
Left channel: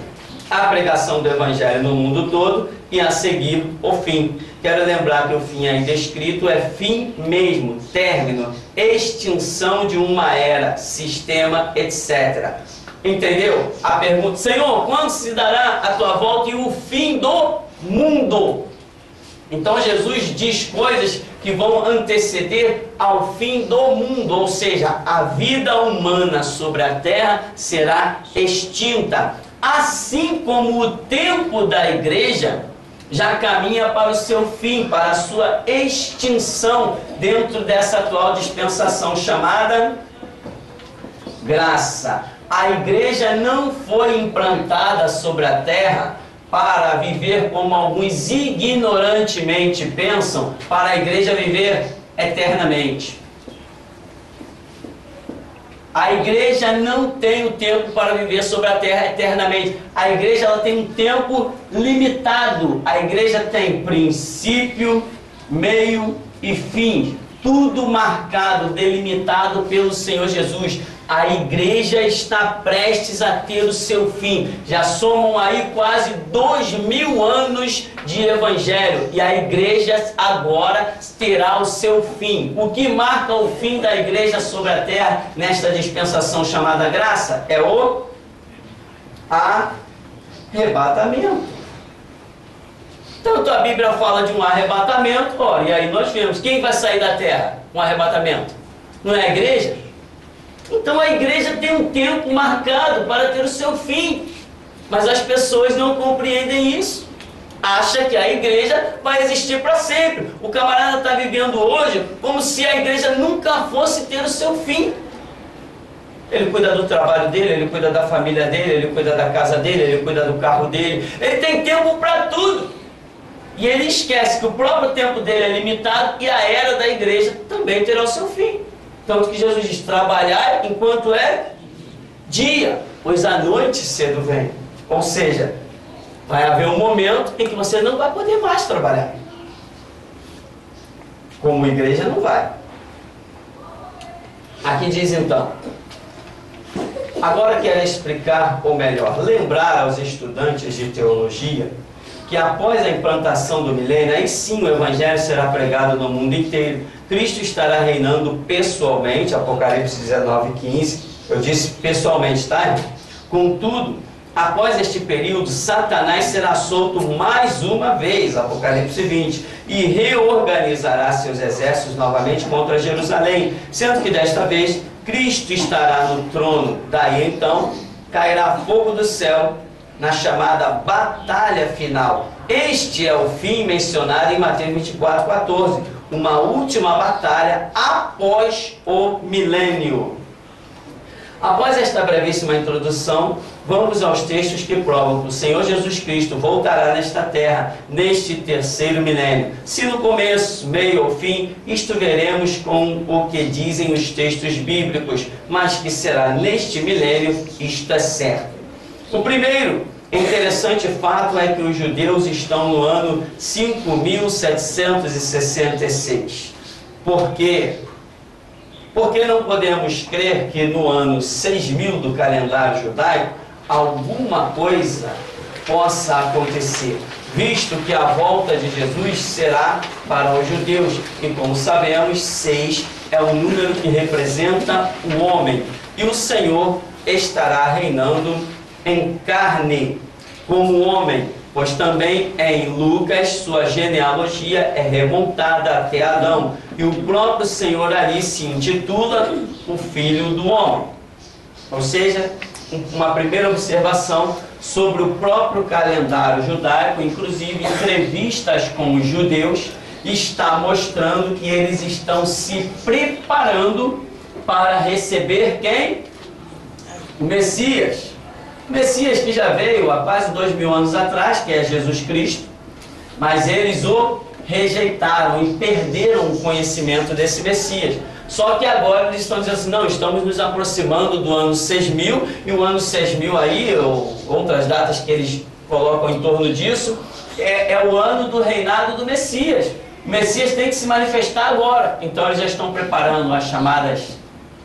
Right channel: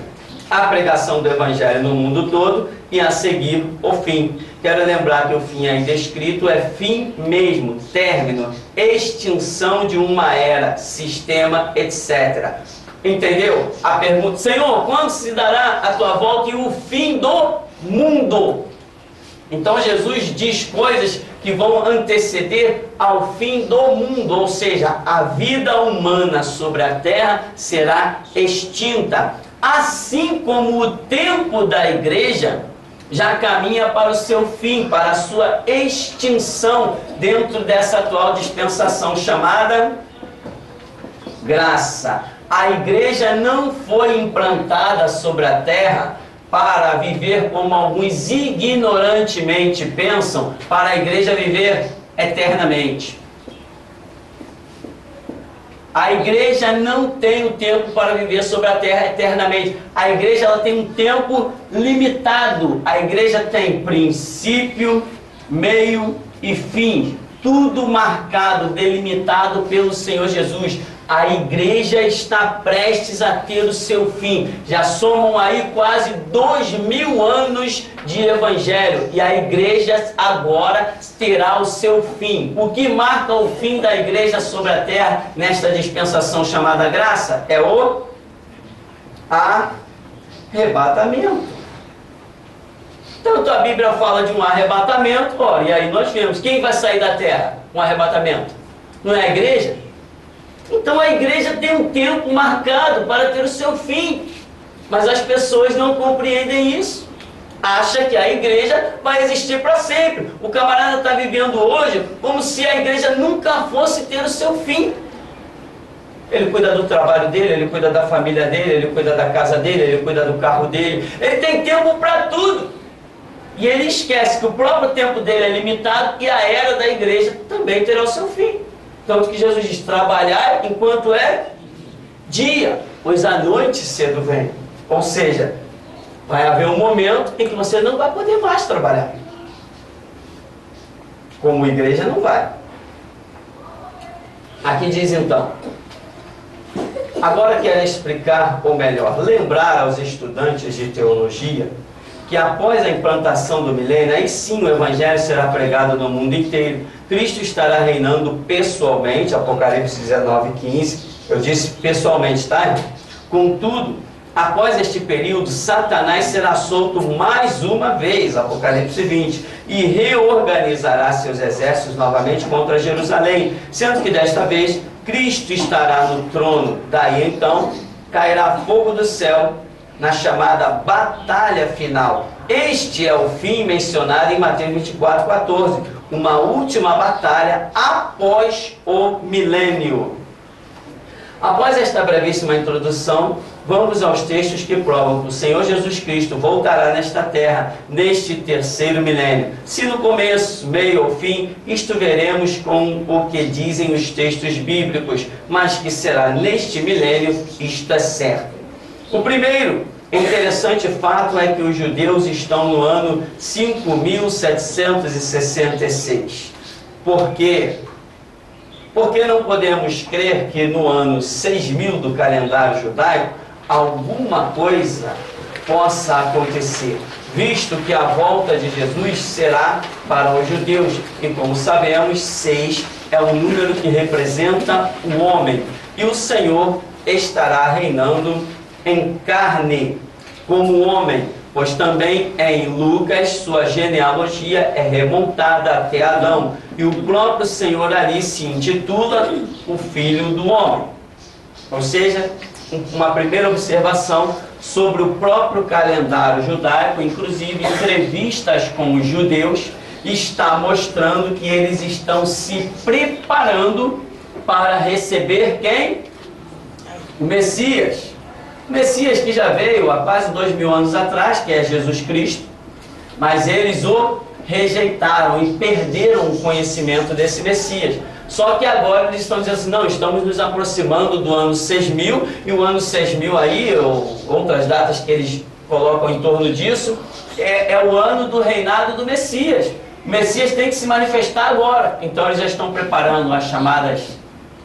a pregação do Evangelho no mundo todo e a seguir o fim. Quero lembrar que o fim aí descrito é fim mesmo, término, extinção de uma era, sistema, etc. Entendeu? A pergunta: Senhor, quando se dará a tua volta e o fim do mundo? Então Jesus diz coisas que vão anteceder ao fim do mundo, ou seja, a vida humana sobre a terra será extinta. Assim como o tempo da igreja já caminha para o seu fim, para a sua extinção dentro dessa atual dispensação chamada graça. A igreja não foi implantada sobre a terra para viver como alguns ignorantemente pensam, para a igreja viver eternamente. A igreja não tem o tempo para viver sobre a terra eternamente. A igreja ela tem um tempo limitado. A igreja tem princípio, meio e fim. Tudo marcado, delimitado pelo Senhor Jesus. A igreja está prestes a ter o seu fim. Já somam aí quase 2000 anos de evangelho. E a igreja agora terá o seu fim. O que marca o fim da igreja sobre a terra nesta dispensação chamada graça é o arrebatamento. Tanto a Bíblia fala de um arrebatamento, e aí nós vemos quem vai sair da terra com arrebatamento? Não é a igreja? Então a igreja tem um tempo marcado para ter o seu fim, mas as pessoas não compreendem isso. Acha que a igreja vai existir para sempre. O camarada está vivendo hoje como se a igreja nunca fosse ter o seu fim. Ele cuida do trabalho dele, ele cuida da família dele, ele cuida da casa dele, ele cuida do carro dele. Ele tem tempo para tudo. E ele esquece que o próprio tempo dele é limitado e a era da igreja também terá o seu fim. Tanto que Jesus diz: trabalhar enquanto é dia, pois a noite cedo vem. Ou seja, vai haver um momento em que você não vai poder mais trabalhar. Como igreja não vai. Aqui diz então: agora quero explicar, ou melhor, lembrar aos estudantes de teologia que após a implantação do milênio, aí sim o Evangelho será pregado no mundo inteiro. Cristo estará reinando pessoalmente, Apocalipse 19:15, eu disse pessoalmente, tá? Contudo, após este período, Satanás será solto mais uma vez, Apocalipse 20, e reorganizará seus exércitos novamente contra Jerusalém, sendo que desta vez Cristo estará no trono. Daí então cairá fogo do céu na chamada batalha final. Este é o fim mencionado em Mateus 24:14, uma última batalha após o milênio. Após esta brevíssima introdução, vamos aos textos que provam que o Senhor Jesus Cristo voltará nesta terra, neste terceiro milênio. Se no começo, meio ou fim, isto veremos com o que dizem os textos bíblicos, mas que será neste milênio, isto é certo. O primeiro interessante fato é que os judeus estão no ano 5.766. Por quê? Porque não podemos crer que no ano 6.000 do calendário judaico alguma coisa possa acontecer, visto que a volta de Jesus será para os judeus, e como sabemos, 6 é o número que representa o homem, e o Senhor estará reinando em carne como homem, pois também em Lucas sua genealogia é remontada até Adão, e o próprio Senhor ali se intitula o Filho do Homem. Ou seja, uma primeira observação sobre o próprio calendário judaico, inclusive entrevistas com os judeus, está mostrando que eles estão se preparando para receber quem? O Messias. O Messias que já veio há quase 2000 anos atrás, que é Jesus Cristo, mas eles o rejeitaram e perderam o conhecimento desse Messias. Só que agora eles estão dizendo assim, não, estamos nos aproximando do ano 6.000, e o ano 6.000 aí, ou outras datas que eles colocam em torno disso, é o ano do reinado do Messias. O Messias tem que se manifestar agora. Então eles já estão preparando as chamadas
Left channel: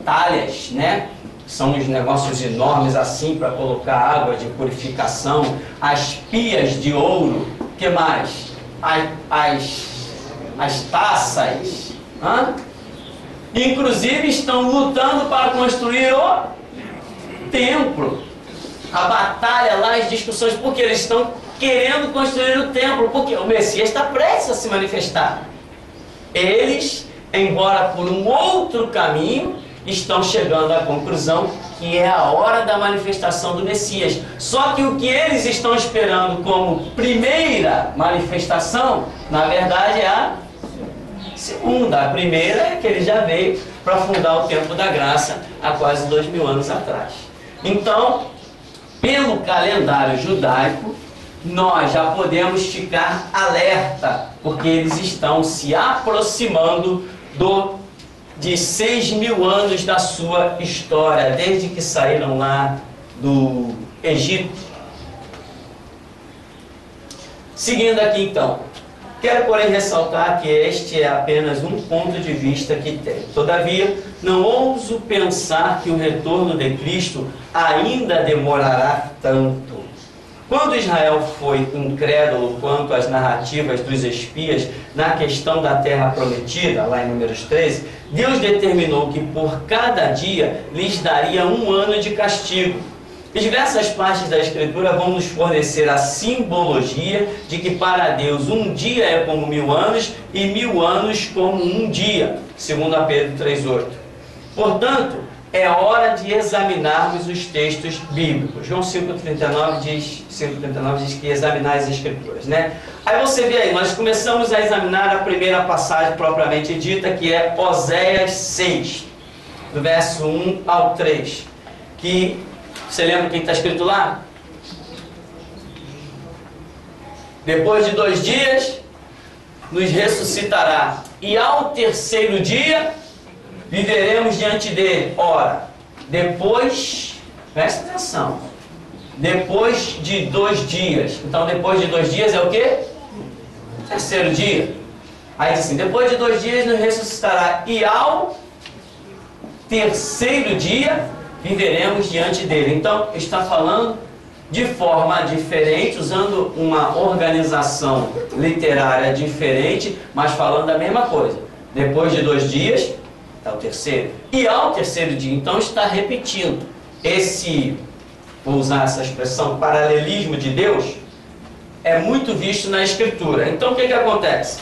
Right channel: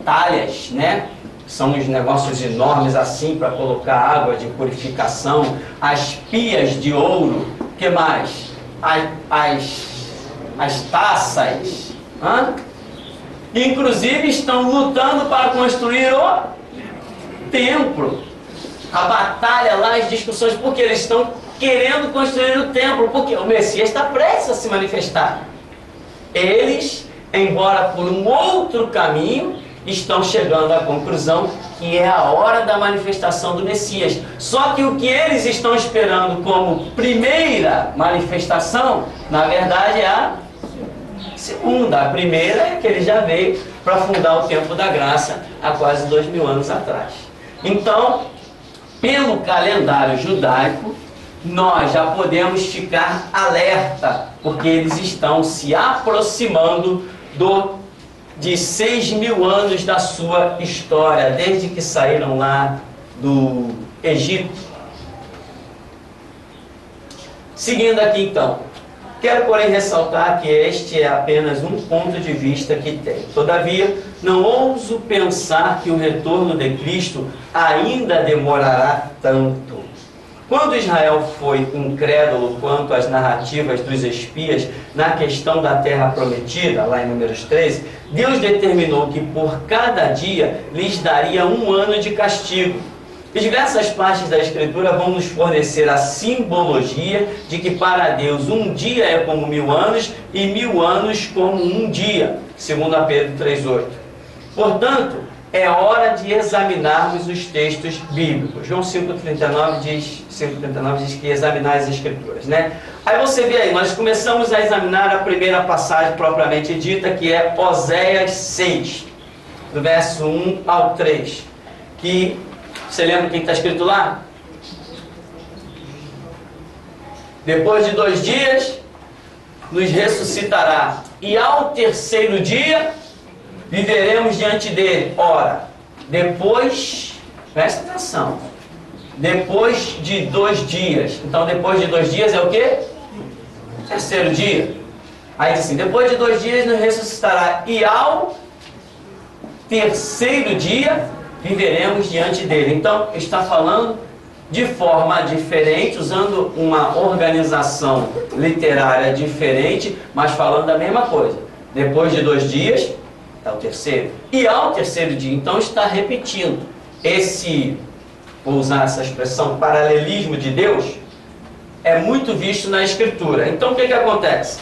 talhas, né? São uns negócios enormes assim para colocar água de purificação, as pias de ouro, o que mais? As taças, inclusive estão lutando para construir o templo. A batalha lá, as discussões, porque eles estão querendo construir o templo, porque o Messias está prestes a se manifestar. Eles, embora por um outro caminho, estão chegando à conclusão que é a hora da manifestação do Messias. Só que o que eles estão esperando como primeira manifestação, na verdade é a segunda. A primeira é que ele já veio para fundar o tempo da graça há quase 2000 anos atrás. Então, pelo calendário judaico, nós já podemos ficar alerta, porque eles estão se aproximando de 6.000 anos da sua história, desde que saíram lá do Egito. Seguindo aqui então, quero porém ressaltar que este é apenas um ponto de vista que tenho. Todavia, não ouso pensar que o retorno de Cristo ainda demorará tanto. Quando Israel foi incrédulo quanto às narrativas dos espias na questão da terra prometida, lá em Números 13, Deus determinou que por cada dia lhes daria 1 ano de castigo. E diversas partes da Escritura vão nos fornecer a simbologia de que para Deus um dia é como 1000 anos e 1000 anos como um dia, segundo a Pedro 3,8. Portanto, é hora de examinarmos os textos bíblicos. João 5,39 diz que examinar as Escrituras, né? Aí você vê aí, nós começamos a examinar a primeira passagem propriamente dita, que é Oséias 6, do verso 1 ao 3, que, você lembra o que está escrito lá? Depois de 2 dias, nos ressuscitará, e ao terceiro dia viveremos diante dele. Ora, depois, presta atenção, depois de 2 dias. Então, depois de 2 dias é o quê? Terceiro dia. Aí diz assim, depois de 2 dias nos ressuscitará, e ao terceiro dia viveremos diante dele. Então, está falando de forma diferente, usando uma organização literária diferente, mas falando da mesma coisa. Depois de 2 dias é o terceiro, e ao terceiro dia. Então está repetindo esse, vou usar essa expressão, paralelismo de Deus, é muito visto na Escritura. Então o que acontece?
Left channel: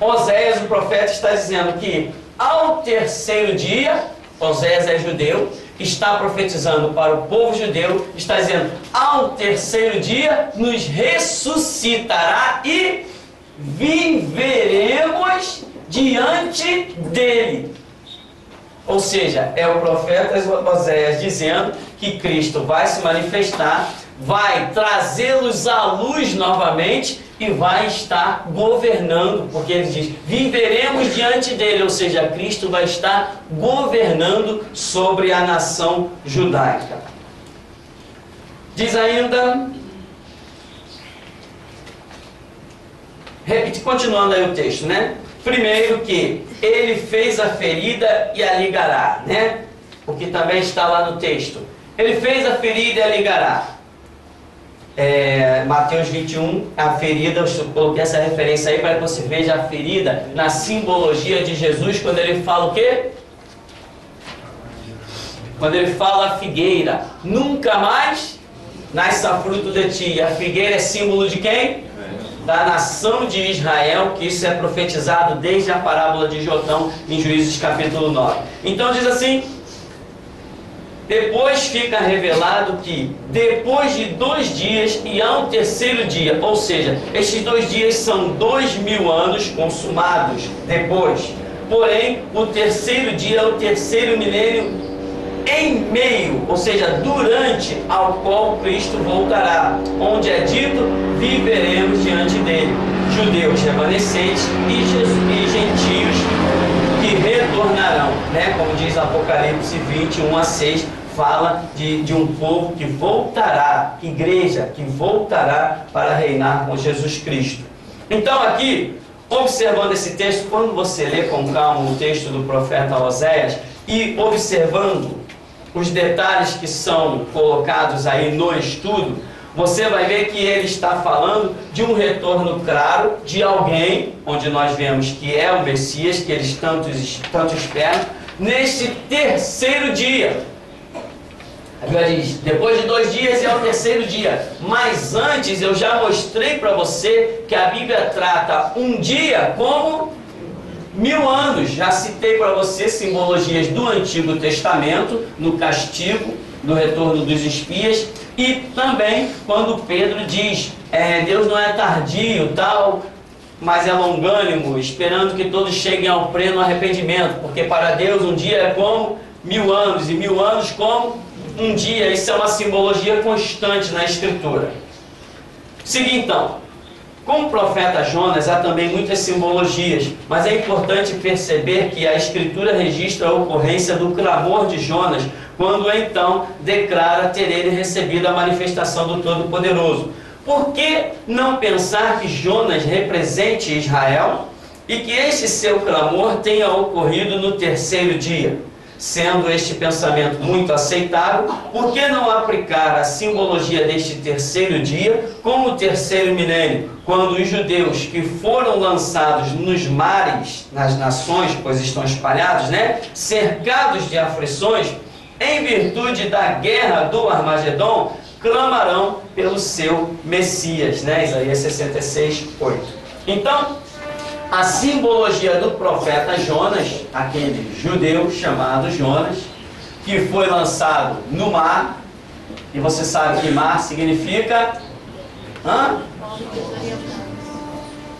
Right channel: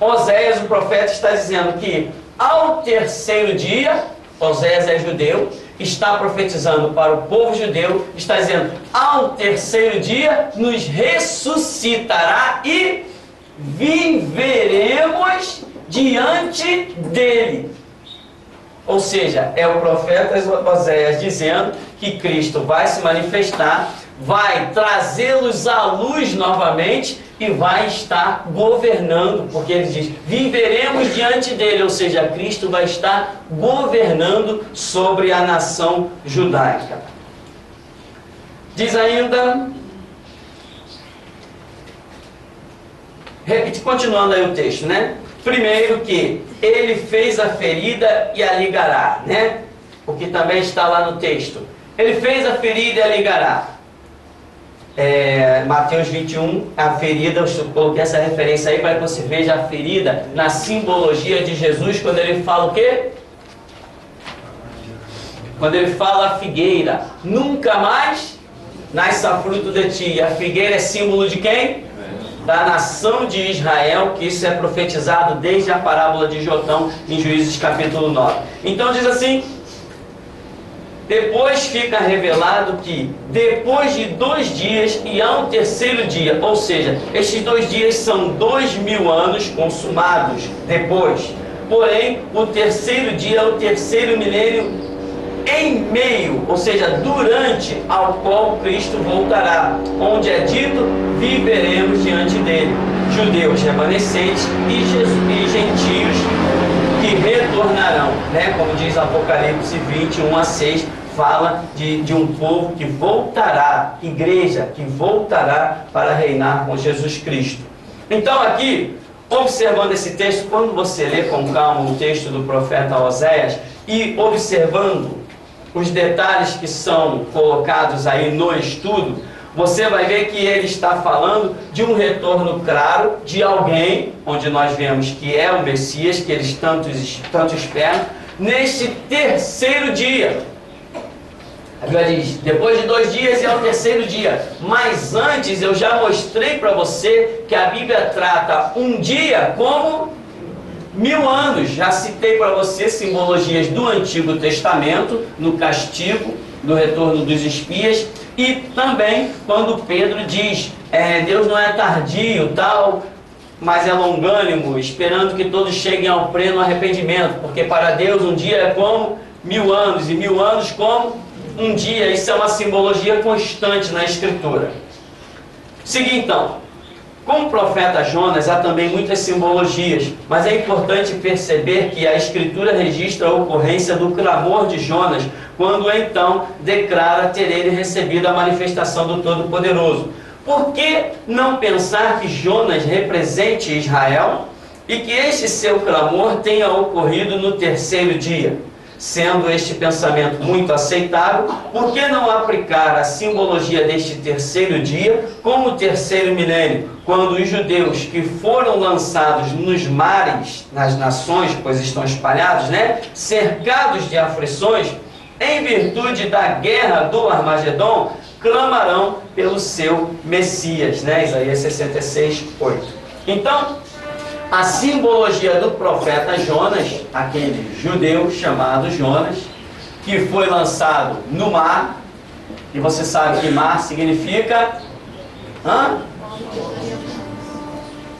Oséias, o profeta, está dizendo que ao terceiro dia, Oséias é judeu, está profetizando para o povo judeu, está dizendo, ao terceiro dia nos ressuscitará e viveremos diante dele. Ou seja, é o profeta Oséias dizendo que Cristo vai se manifestar, vai trazê-los à luz novamente e vai estar governando, porque ele diz, viveremos diante dele, ou seja, Cristo vai estar governando sobre a nação judaica. Diz ainda, continuando aí o texto, né? Primeiro que ele fez a ferida e a ligará, né? O que também está lá no texto. Ele fez a ferida e a ligará. Mateus 21, a ferida, eu coloquei essa referência aí para que você veja a ferida na simbologia de Jesus, quando ele fala o quê? Quando ele fala a figueira, nunca mais nasça fruto de ti. A figueira é símbolo de quem? Da nação de Israel, que isso é profetizado desde a parábola de Jotão, em Juízes capítulo 9. Então diz assim, depois fica revelado que depois de 2 dias e ao terceiro dia, ou seja, estes 2 dias são 2000 anos consumados depois, porém o terceiro dia é o terceiro milênio em meio, ou seja, durante ao qual Cristo voltará, onde é dito, viveremos diante dele, judeus remanescentes e gentios que retornarão, né? Como diz Apocalipse 21 a 6, fala de um povo que voltará, igreja que voltará para reinar com Jesus Cristo. Então aqui, observando esse texto, quando você lê com calma o texto do profeta Oséias e observando os detalhes que são colocados aí no estudo, você vai ver que ele está falando de um retorno claro de alguém, onde nós vemos que é o Messias, que eles tanto esperam, neste terceiro dia. A Bíblia diz, depois de 2 dias e ao terceiro dia. Mas antes eu já mostrei para você que a Bíblia trata um dia como 1000 anos. Já citei para você simbologias do Antigo Testamento, no castigo, do retorno dos espias, e também quando Pedro diz, Deus não é tardio, tal, mas é longânimo, esperando que todos cheguem ao pleno arrependimento, porque para Deus um dia é como 1000 anos, e 1000 anos como um dia. Isso é uma simbologia constante na Escritura. Seguinte então, com o profeta Jonas há também muitas simbologias, mas é importante perceber que a Escritura registra a ocorrência do clamor de Jonas, quando então declara ter ele recebido a manifestação do Todo-Poderoso. Por que não pensar que Jonas represente Israel e que este seu clamor tenha ocorrido no terceiro dia? Sendo este pensamento muito aceitável, por que não aplicar a simbologia deste terceiro dia como o terceiro milênio, quando os judeus que foram lançados nos mares, nas nações, pois estão espalhados, né, cercados de aflições, em virtude da guerra do Armagedon, clamarão pelo seu Messias, né? Isaías 66, 8. Então, a simbologia do profeta Jonas, aquele judeu chamado Jonas, que foi lançado no mar, e você sabe que mar significa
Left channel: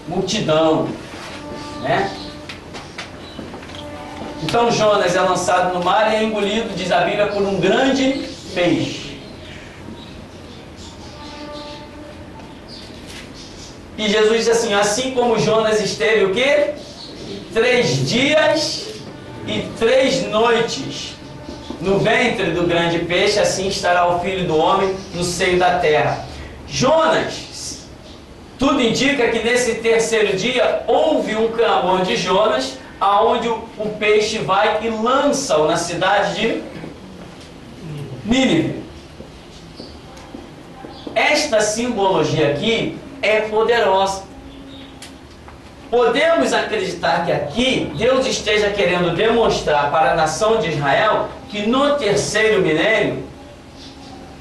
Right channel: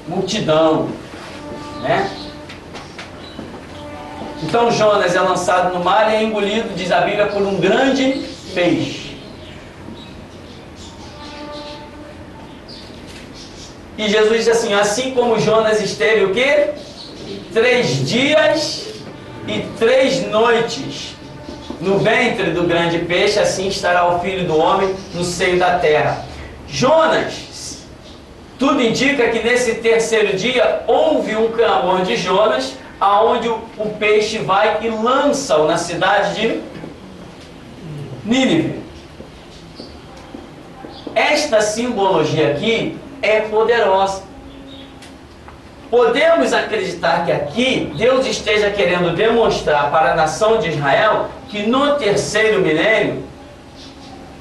multidão, né? Então Jonas é lançado no mar e é engolido, diz a Bíblia, por um grande peixe. E Jesus diz assim como Jonas esteve o quê? 3 dias e 3 noites no ventre do grande peixe, assim estará o Filho do Homem no seio da terra. Jonas, tudo indica que nesse terceiro dia houve um clamor de Jonas, aonde o peixe vai e lança-o na cidade de Nínive. Esta simbologia aqui é poderosa. Podemos acreditar que aqui Deus esteja querendo demonstrar para a nação de Israel que no terceiro milênio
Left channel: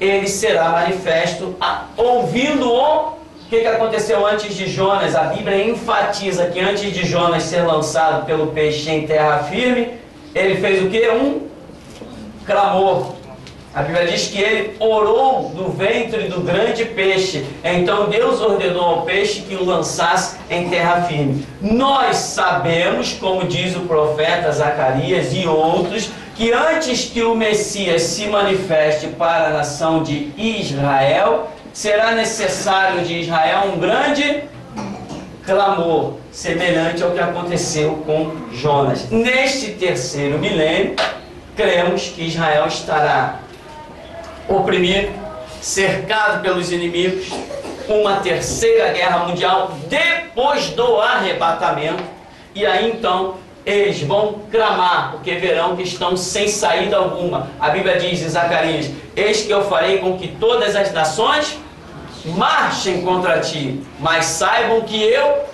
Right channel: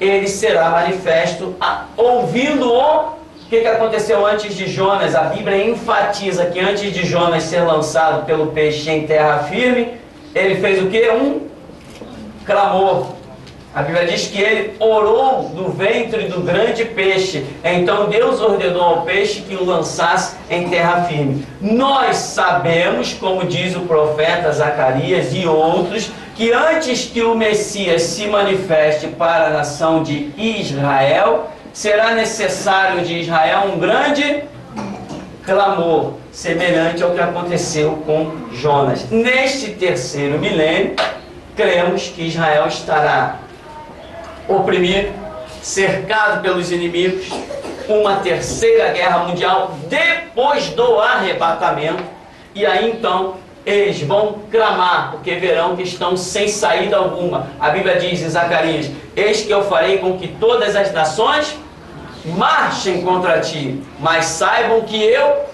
ele será manifesto, ouvindo o que aconteceu antes de Jonas. A Bíblia enfatiza que antes de Jonas ser lançado pelo peixe em terra firme, ele fez o que? Um clamor. A Bíblia diz que ele orou do ventre do grande peixe. Então Deus ordenou ao peixe que o lançasse em terra firme. Nós sabemos, como diz o profeta Zacarias e outros, que antes que o Messias se manifeste para a nação de Israel, será necessário de Israel um grande clamor, semelhante ao que aconteceu com Jonas. Neste terceiro milênio, cremos que Israel estará oprimido, cercado pelos inimigos, uma terceira guerra mundial depois do arrebatamento, e aí então eles vão clamar, porque verão que estão sem saída alguma. A Bíblia diz em Zacarias: eis que eu farei com que todas as nações marchem contra ti, mas saibam que eu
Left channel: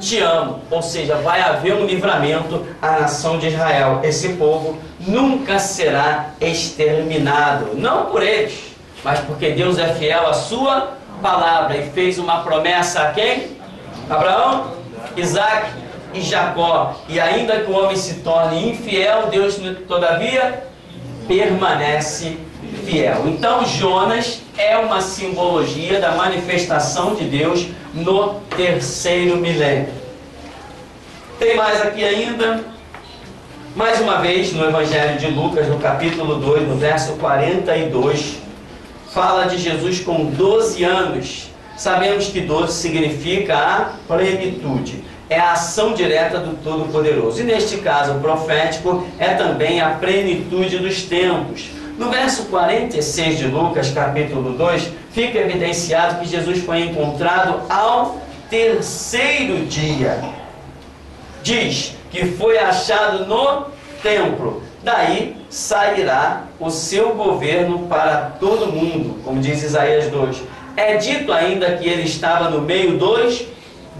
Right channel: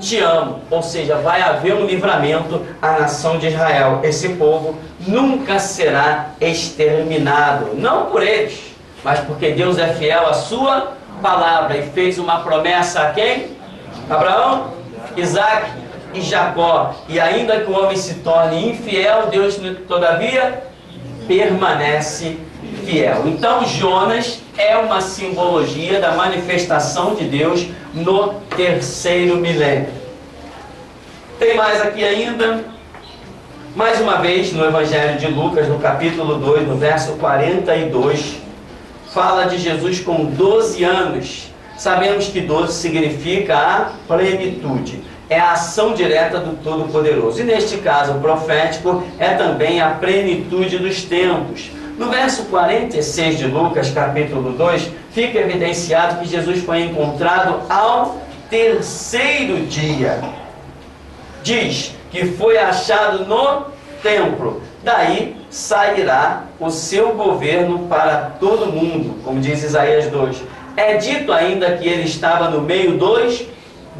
te amo. Ou seja, vai haver um livramento à nação de Israel. Esse povo nunca será exterminado, não por eles, mas porque Deus é fiel à sua palavra e fez uma promessa a quem? Abraão, Isaac e Jacó. E ainda que o homem se torne infiel, Deus todavia permanece fiel. Então Jonas é uma simbologia da manifestação de Deus no terceiro milênio. Tem mais aqui ainda. Mais uma vez, no Evangelho de Lucas, no capítulo 2, no verso 42, fala de Jesus com 12 anos. Sabemos que 12 significa a plenitude. É a ação direta do Todo-Poderoso. E neste caso profético, é também a plenitude dos tempos. No verso 46 de Lucas, capítulo 2, fica evidenciado que Jesus foi encontrado ao terceiro dia. Diz que foi achado no templo. Daí sairá o seu governo para todo mundo, como diz Isaías 2. É dito ainda que ele estava no meio dos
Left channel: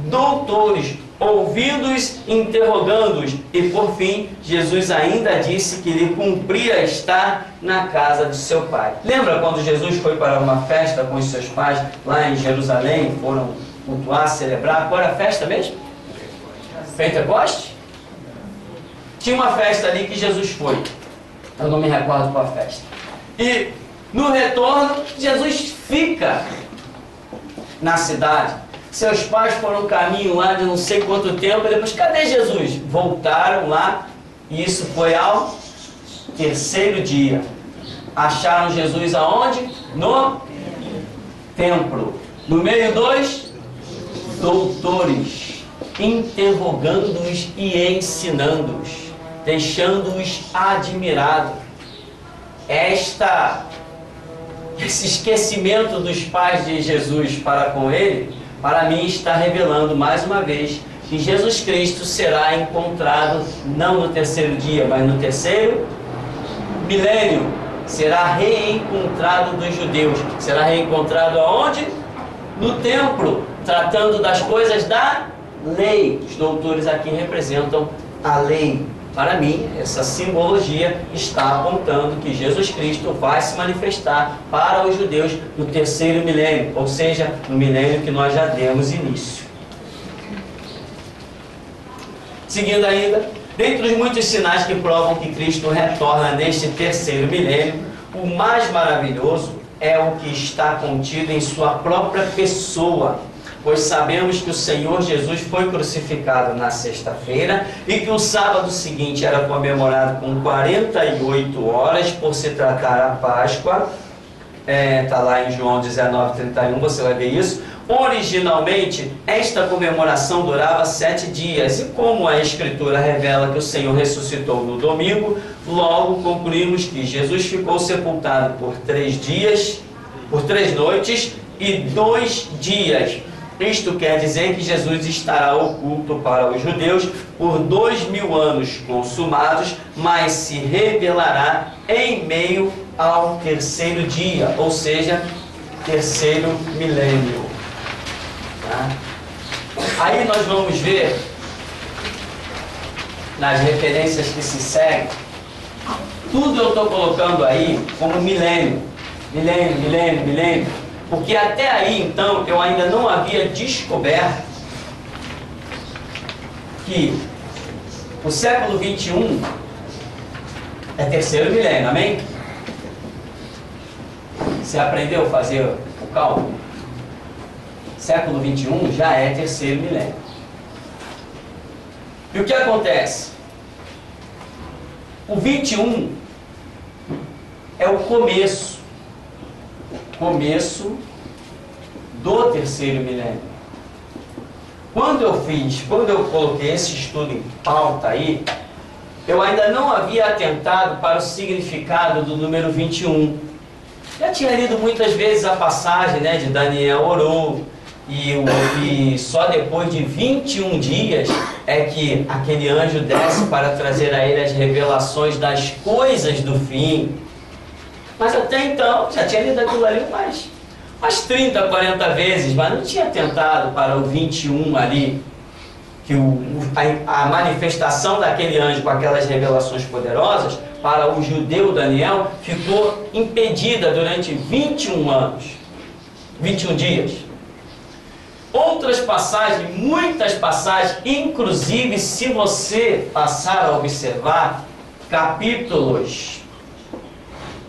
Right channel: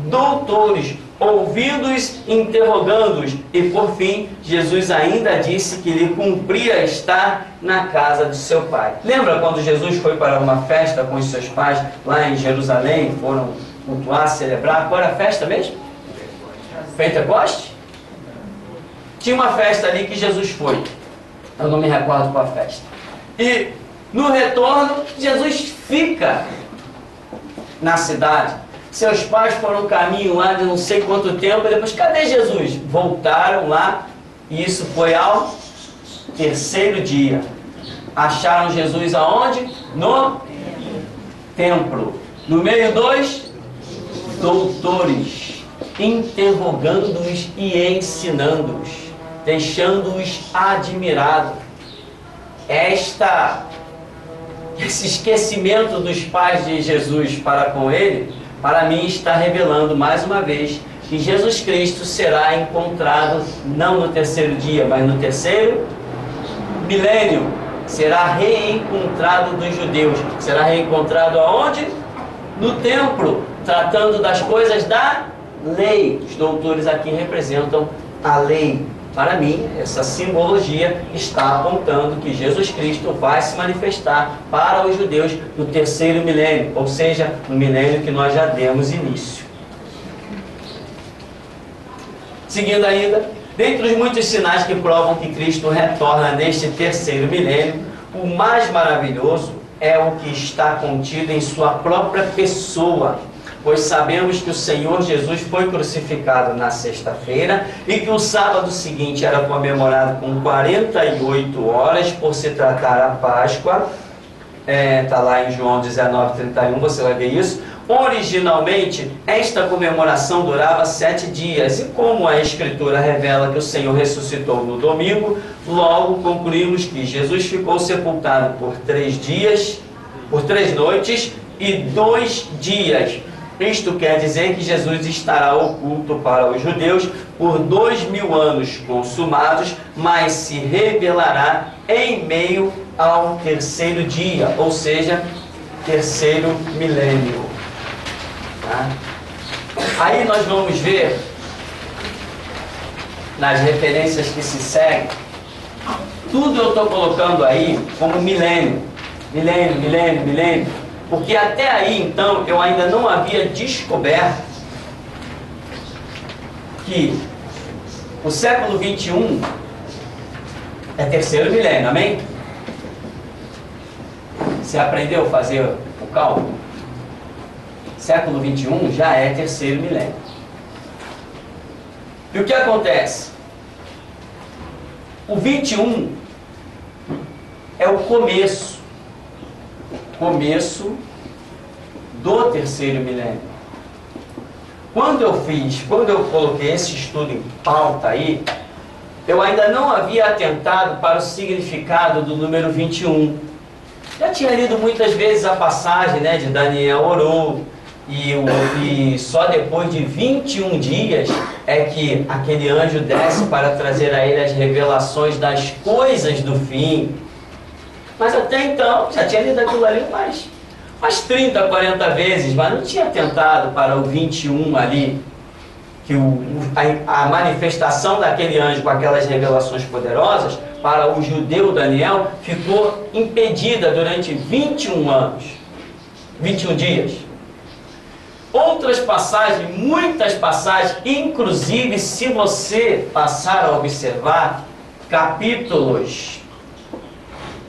doutores, ouvindo-os, interrogando-os, e por fim, Jesus ainda disse que lhe cumpria estar na casa de seu pai. Lembra quando Jesus foi para uma festa com os seus pais lá em Jerusalém, foram cultuar, celebrar? Qual era a festa mesmo? Pentecoste? Tinha uma festa ali que Jesus foi, eu não me recordo qual a festa. E no retorno, Jesus fica na cidade. Seus pais foram um caminho lá de não sei quanto tempo, e depois, cadê Jesus? Voltaram lá, e isso foi ao terceiro dia. Acharam Jesus aonde? No templo. No meio dos doutores, interrogando-os e ensinando-os, deixando-os admirados. Esse esquecimento dos pais de Jesus para com ele, para mim está revelando mais uma vez que Jesus Cristo será encontrado não no terceiro dia, mas no terceiro milênio. Será reencontrado dos judeus. Será reencontrado aonde? No templo, tratando das coisas da lei. Os doutores aqui representam a lei. Para mim, essa simbologia está apontando que Jesus Cristo vai se manifestar para os judeus no terceiro milênio, ou seja, no milênio que nós já demos início. Seguindo ainda, dentre os muitos sinais que provam que Cristo retorna neste terceiro milênio, o mais maravilhoso é o que está contido em sua própria pessoa. Pois sabemos que o Senhor Jesus foi crucificado na sexta-feira e que o sábado seguinte era comemorado com 48 horas por se tratar a Páscoa. Está lá em João 19:31, você vai ver isso. Originalmente, esta comemoração durava 7 dias. E como a Escritura revela que o Senhor ressuscitou no domingo, logo concluímos que Jesus ficou sepultado por 3 dias, por 3 noites e 2 dias. Isto quer dizer que Jesus estará oculto para os judeus por 2000 anos consumados, mas se revelará em meio ao terceiro dia, ou seja, terceiro milênio. Tá? Aí nós vamos ver, nas referências que se seguem, tudo eu estou colocando aí como milênio, milênio, milênio, milênio. Porque até aí, então, eu ainda não havia descoberto que o século 21 é terceiro milênio, amém? Você aprendeu a fazer o cálculo? Século 21 já é terceiro milênio. E o que acontece? O 21 é o começo do terceiro milênio. Quando eu coloquei esse estudo em pauta aí, eu ainda não havia atentado para o significado do número 21. Já tinha lido muitas vezes a passagem, né, de Daniel orou, e só depois de 21 dias é que aquele anjo desce para trazer a ele as revelações das coisas do fim. Mas até então, já tinha lido aquilo ali umas 30, 40 vezes, mas não tinha atentado para o 21 ali, que a manifestação daquele anjo com aquelas revelações poderosas, para o judeu Daniel, ficou impedida durante 21 anos, 21 dias. Outras passagens, muitas passagens, inclusive se você passar a observar capítulos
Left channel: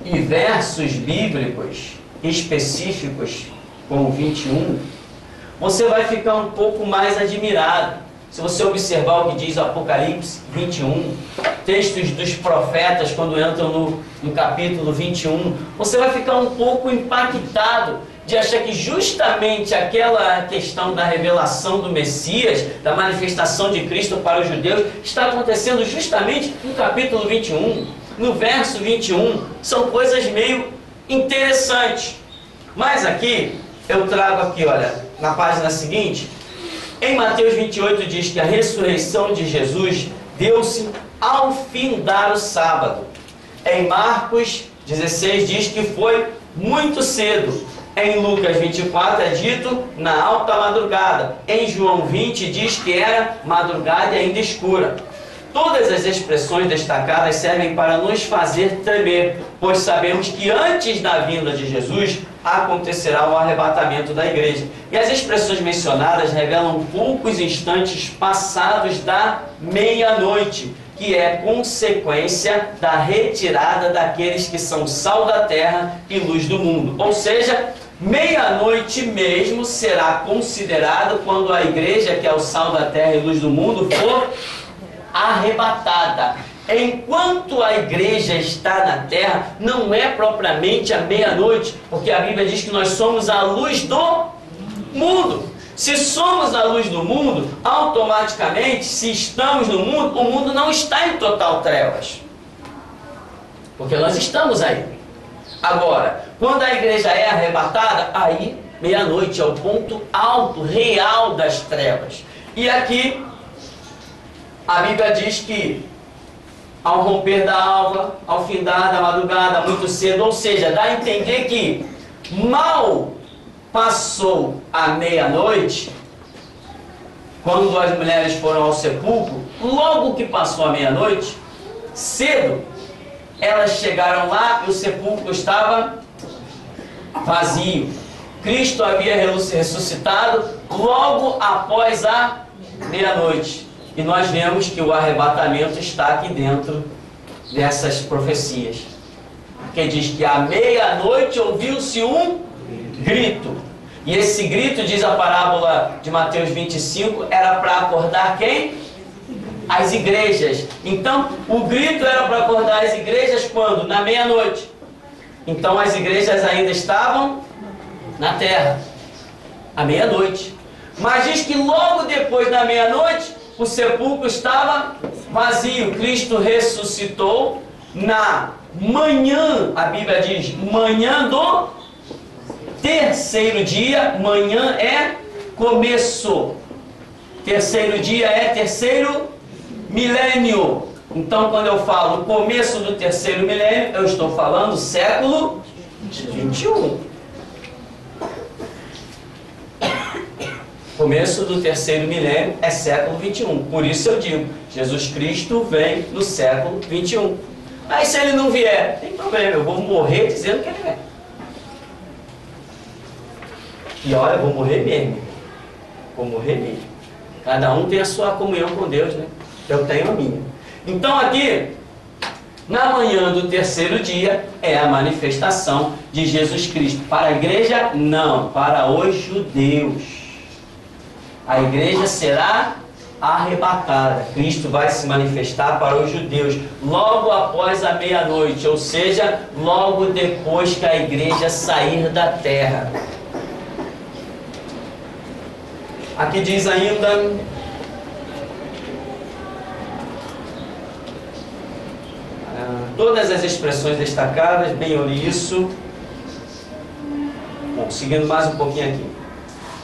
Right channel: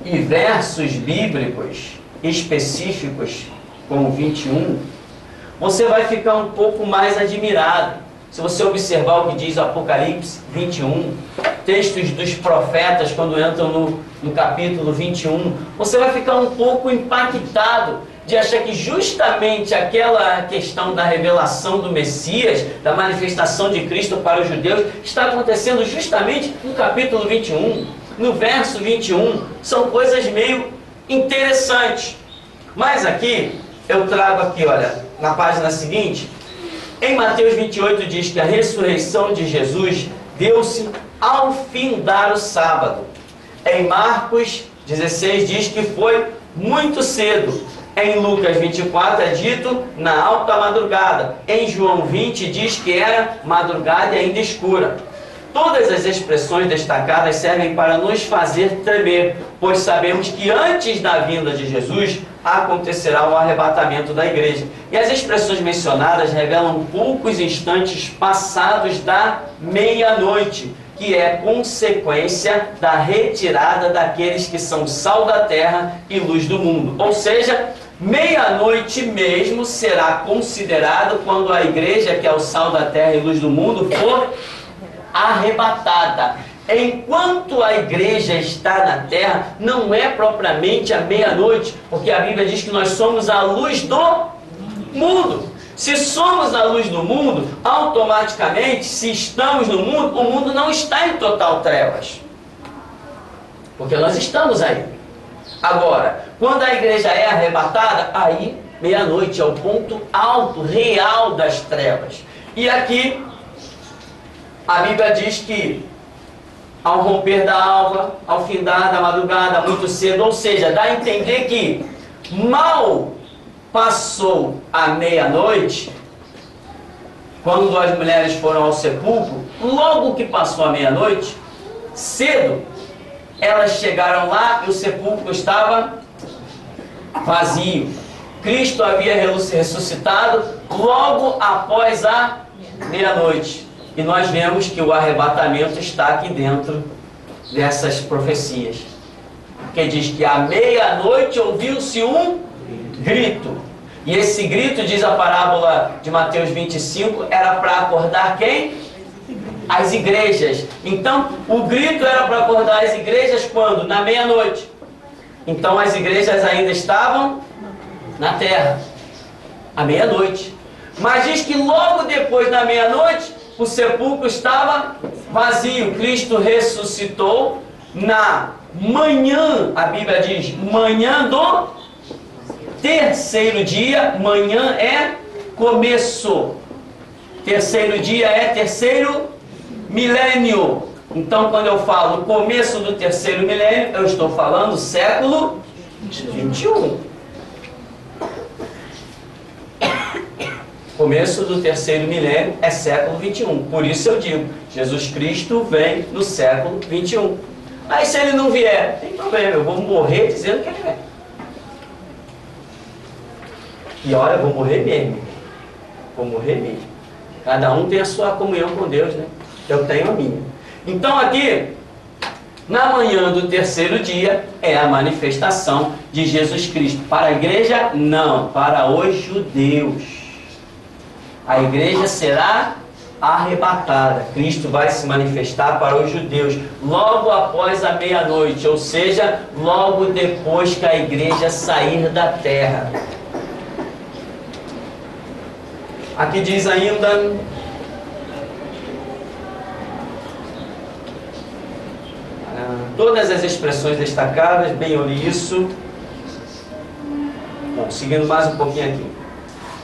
e versos bíblicos específicos com o 21, você vai ficar um pouco mais admirado. Se você observar o que diz Apocalipse 21, textos dos profetas quando entram no capítulo 21, você vai ficar um pouco impactado de achar que justamente aquela questão da revelação do Messias, da manifestação de Cristo para os judeus, está acontecendo justamente no capítulo 21, no verso 21. São coisas meio interessantes. Mas aqui, eu trago aqui, olha, na página seguinte, em Mateus 28 diz que a ressurreição de Jesus deu-se ao findar o sábado. Em Marcos 16 diz que foi muito cedo. Em Lucas 24 é dito na alta madrugada. Em João 20 diz que era madrugada e ainda escura. Todas as expressões destacadas servem para nos fazer tremer, pois sabemos que antes da vinda de Jesus acontecerá o arrebatamento da igreja. E as expressões mencionadas revelam poucos instantes passados da meia-noite, que é consequência da retirada daqueles que são sal da terra e luz do mundo. Ou seja, meia-noite mesmo será considerado quando a igreja, que é o sal da terra e luz do mundo, for arrebatada. Enquanto a igreja está na terra, não é propriamente a meia-noite, porque a Bíblia diz que nós somos a luz do mundo. Se somos a luz do mundo, automaticamente, se estamos no mundo, o mundo não está em total trevas, porque nós estamos aí. Agora, quando a igreja é arrebatada, aí meia-noite é o ponto alto, real das trevas. E aqui a Bíblia diz que ao romper da alva, ao findar da madrugada, muito cedo, ou seja, dá a entender que mal passou a meia-noite, quando as mulheres foram ao sepulcro, logo que passou a meia-noite, cedo, elas chegaram lá e o sepulcro estava vazio. Cristo havia ressuscitado logo após a meia-noite. E nós vemos que o arrebatamento está aqui dentro dessas profecias. Porque diz que à meia-noite ouviu-se um grito. E esse grito, diz a parábola de Mateus 25, era para acordar quem? As igrejas. Então, o grito era para acordar as igrejas quando? Na meia-noite. Então, as igrejas ainda estavam na terra, à meia-noite. Mas diz que logo depois da meia-noite, o sepulcro estava vazio. Cristo ressuscitou na manhã, a Bíblia diz, manhã do terceiro dia. Manhã é começo. Terceiro dia é terceiro milênio. Então, quando eu falo começo do terceiro milênio, eu estou falando século 21. Começo do terceiro milênio é século 21. Por isso eu digo, Jesus Cristo vem no século 21. Aí se ele não vier, tem problema, eu vou morrer dizendo que ele vem. E olha, eu vou morrer mesmo. Vou morrer mesmo. Cada um tem a sua comunhão com Deus, né? Eu tenho a minha. Então aqui, Na manhã do terceiro dia é a manifestação de Jesus Cristo. Para a igreja, não. Para os judeus. A igreja será arrebatada. Cristo vai se manifestar para os judeus logo após a meia-noite, ou seja, logo depois que a igreja sair da terra. Aqui diz ainda: todas as expressões destacadas, bem, eu li isso. Bom, seguindo mais um pouquinho aqui.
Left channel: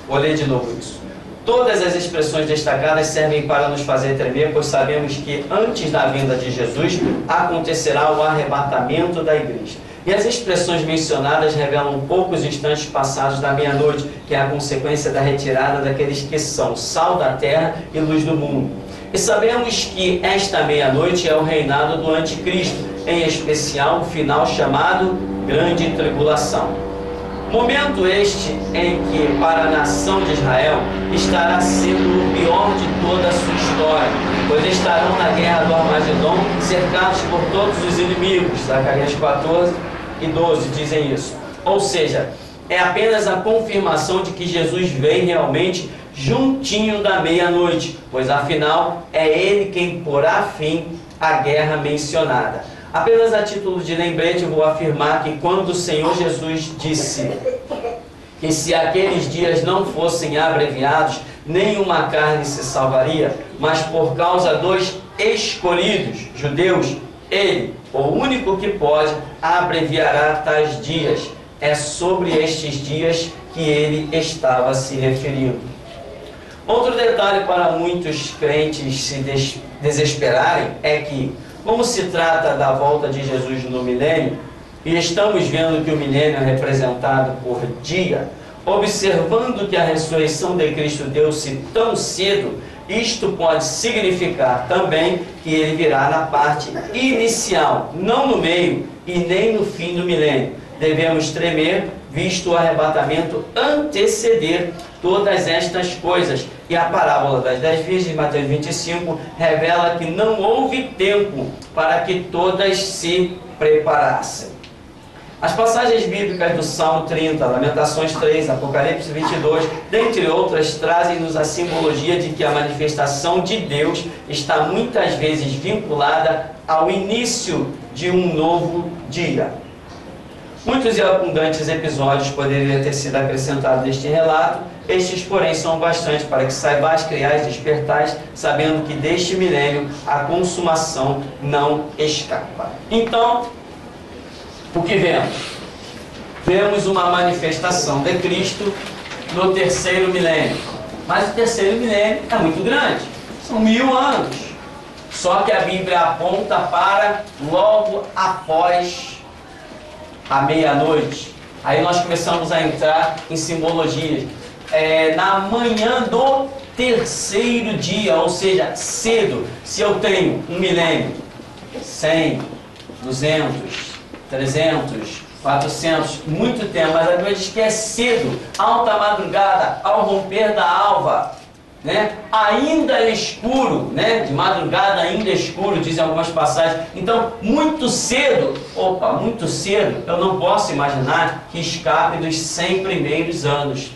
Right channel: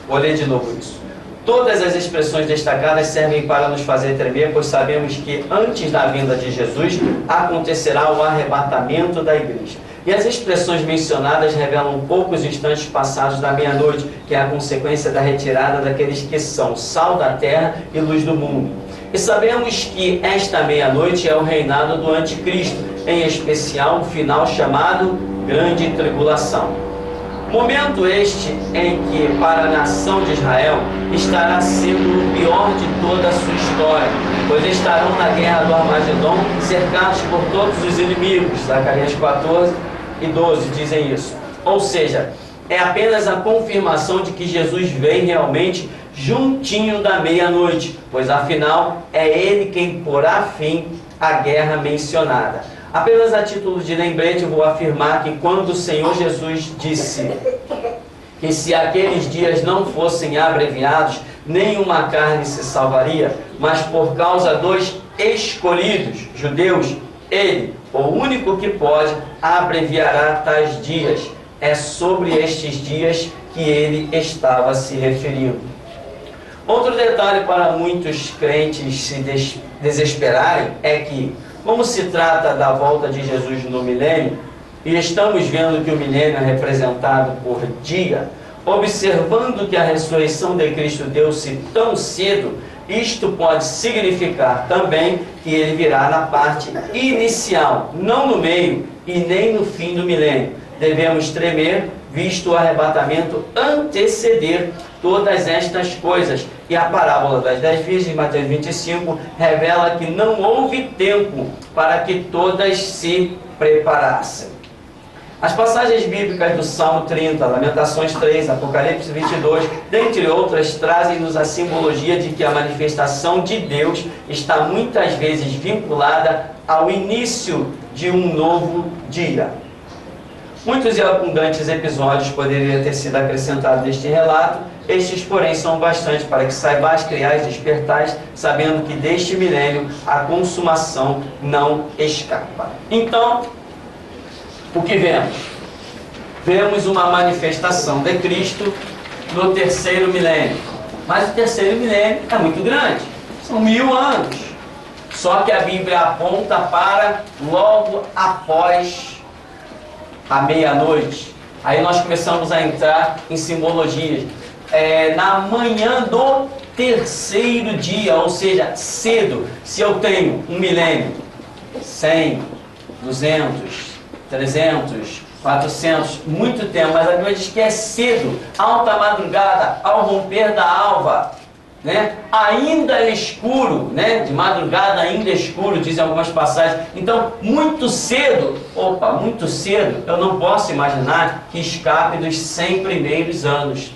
Vou ler de novo isso. Todas as expressões destacadas servem para nos fazer tremer, pois sabemos que antes da vinda de Jesus acontecerá o arrebatamento da igreja. E as expressões mencionadas revelam poucos instantes passados da meia-noite, que é a consequência da retirada daqueles que são sal da terra e luz do mundo. E sabemos que esta meia-noite é o reinado do anticristo, em especial o final chamado Grande Tribulação. Momento este em que, para a nação de Israel, estará sendo o pior de toda a sua história, pois estarão na guerra do Armagedon, cercados por todos os inimigos. Zacarias 14 e 12 dizem isso. Ou seja, é apenas a confirmação de que Jesus vem realmente juntinho da meia-noite, pois afinal é Ele quem porá fim à guerra mencionada. Apenas a título de lembrete, eu vou afirmar que quando o Senhor Jesus disse que se aqueles dias não fossem abreviados, nenhuma carne se salvaria, mas por causa dos escolhidos, judeus, Ele, o único que pode, abreviará tais dias. É sobre estes dias que Ele estava se referindo. Outro detalhe para muitos crentes se desesperarem é que, como se trata da volta de Jesus no milênio, e estamos vendo que o milênio é representado por dia, observando que a ressurreição de Cristo deu-se tão cedo, isto pode significar também que Ele virá na parte inicial, não no meio e nem no fim do milênio. Devemos tremer, visto o arrebatamento anteceder todas estas coisas. E a parábola das 10 virgens, Mateus 25, revela que não houve tempo para que todas se preparassem. As passagens bíblicas do Salmo 30, Lamentações 3, Apocalipse 22, dentre outras, trazem-nos a simbologia de que a manifestação de Deus está muitas vezes vinculada ao início de um novo dia. Muitos e abundantes episódios poderiam ter sido acrescentados neste relato, estes, porém, são bastante para que saibais, criais, despertais, sabendo que deste milênio a consumação não escapa. Então, o que vemos? Vemos uma manifestação de Cristo no terceiro milênio. Mas o terceiro milênio é muito grande, são 1000 anos. Só que a Bíblia aponta para logo após à meia-noite. Aí nós começamos a entrar em simbologias. Na manhã do terceiro dia, ou seja, cedo. Se eu tenho um milênio, 100, 200, 300, 400, muito tempo, mas a Bíblia diz que é cedo, alta madrugada, ao romper da alva, né? Ainda é escuro, né? De madrugada ainda é escuro, dizem algumas passagens. Então, muito cedo, muito cedo, eu não posso imaginar que escape dos 100 primeiros anos.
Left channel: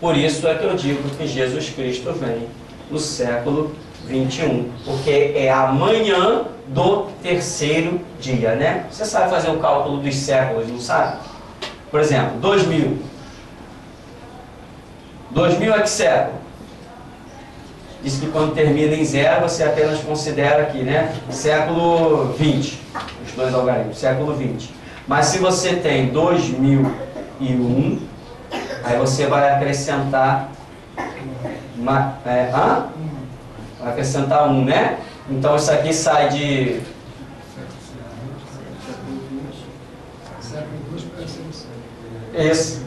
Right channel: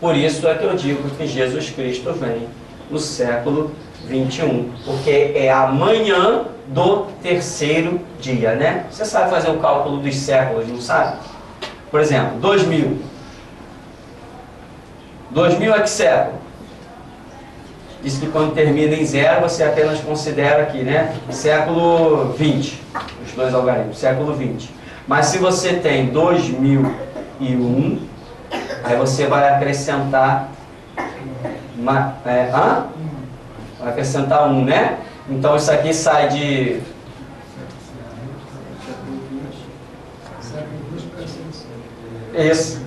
Por isso é que eu digo que Jesus Cristo vem no século 21, porque é a manhã do terceiro dia, né? Você sabe fazer o cálculo dos séculos, não sabe? Por exemplo, 2000. 2000 é que século? Diz que quando termina em zero, você apenas considera aqui, né? Século 20, os dois algarismos, século 20. Mas se você tem 2001, aí você vai acrescentar vai acrescentar 1, né? Então isso aqui sai de isso.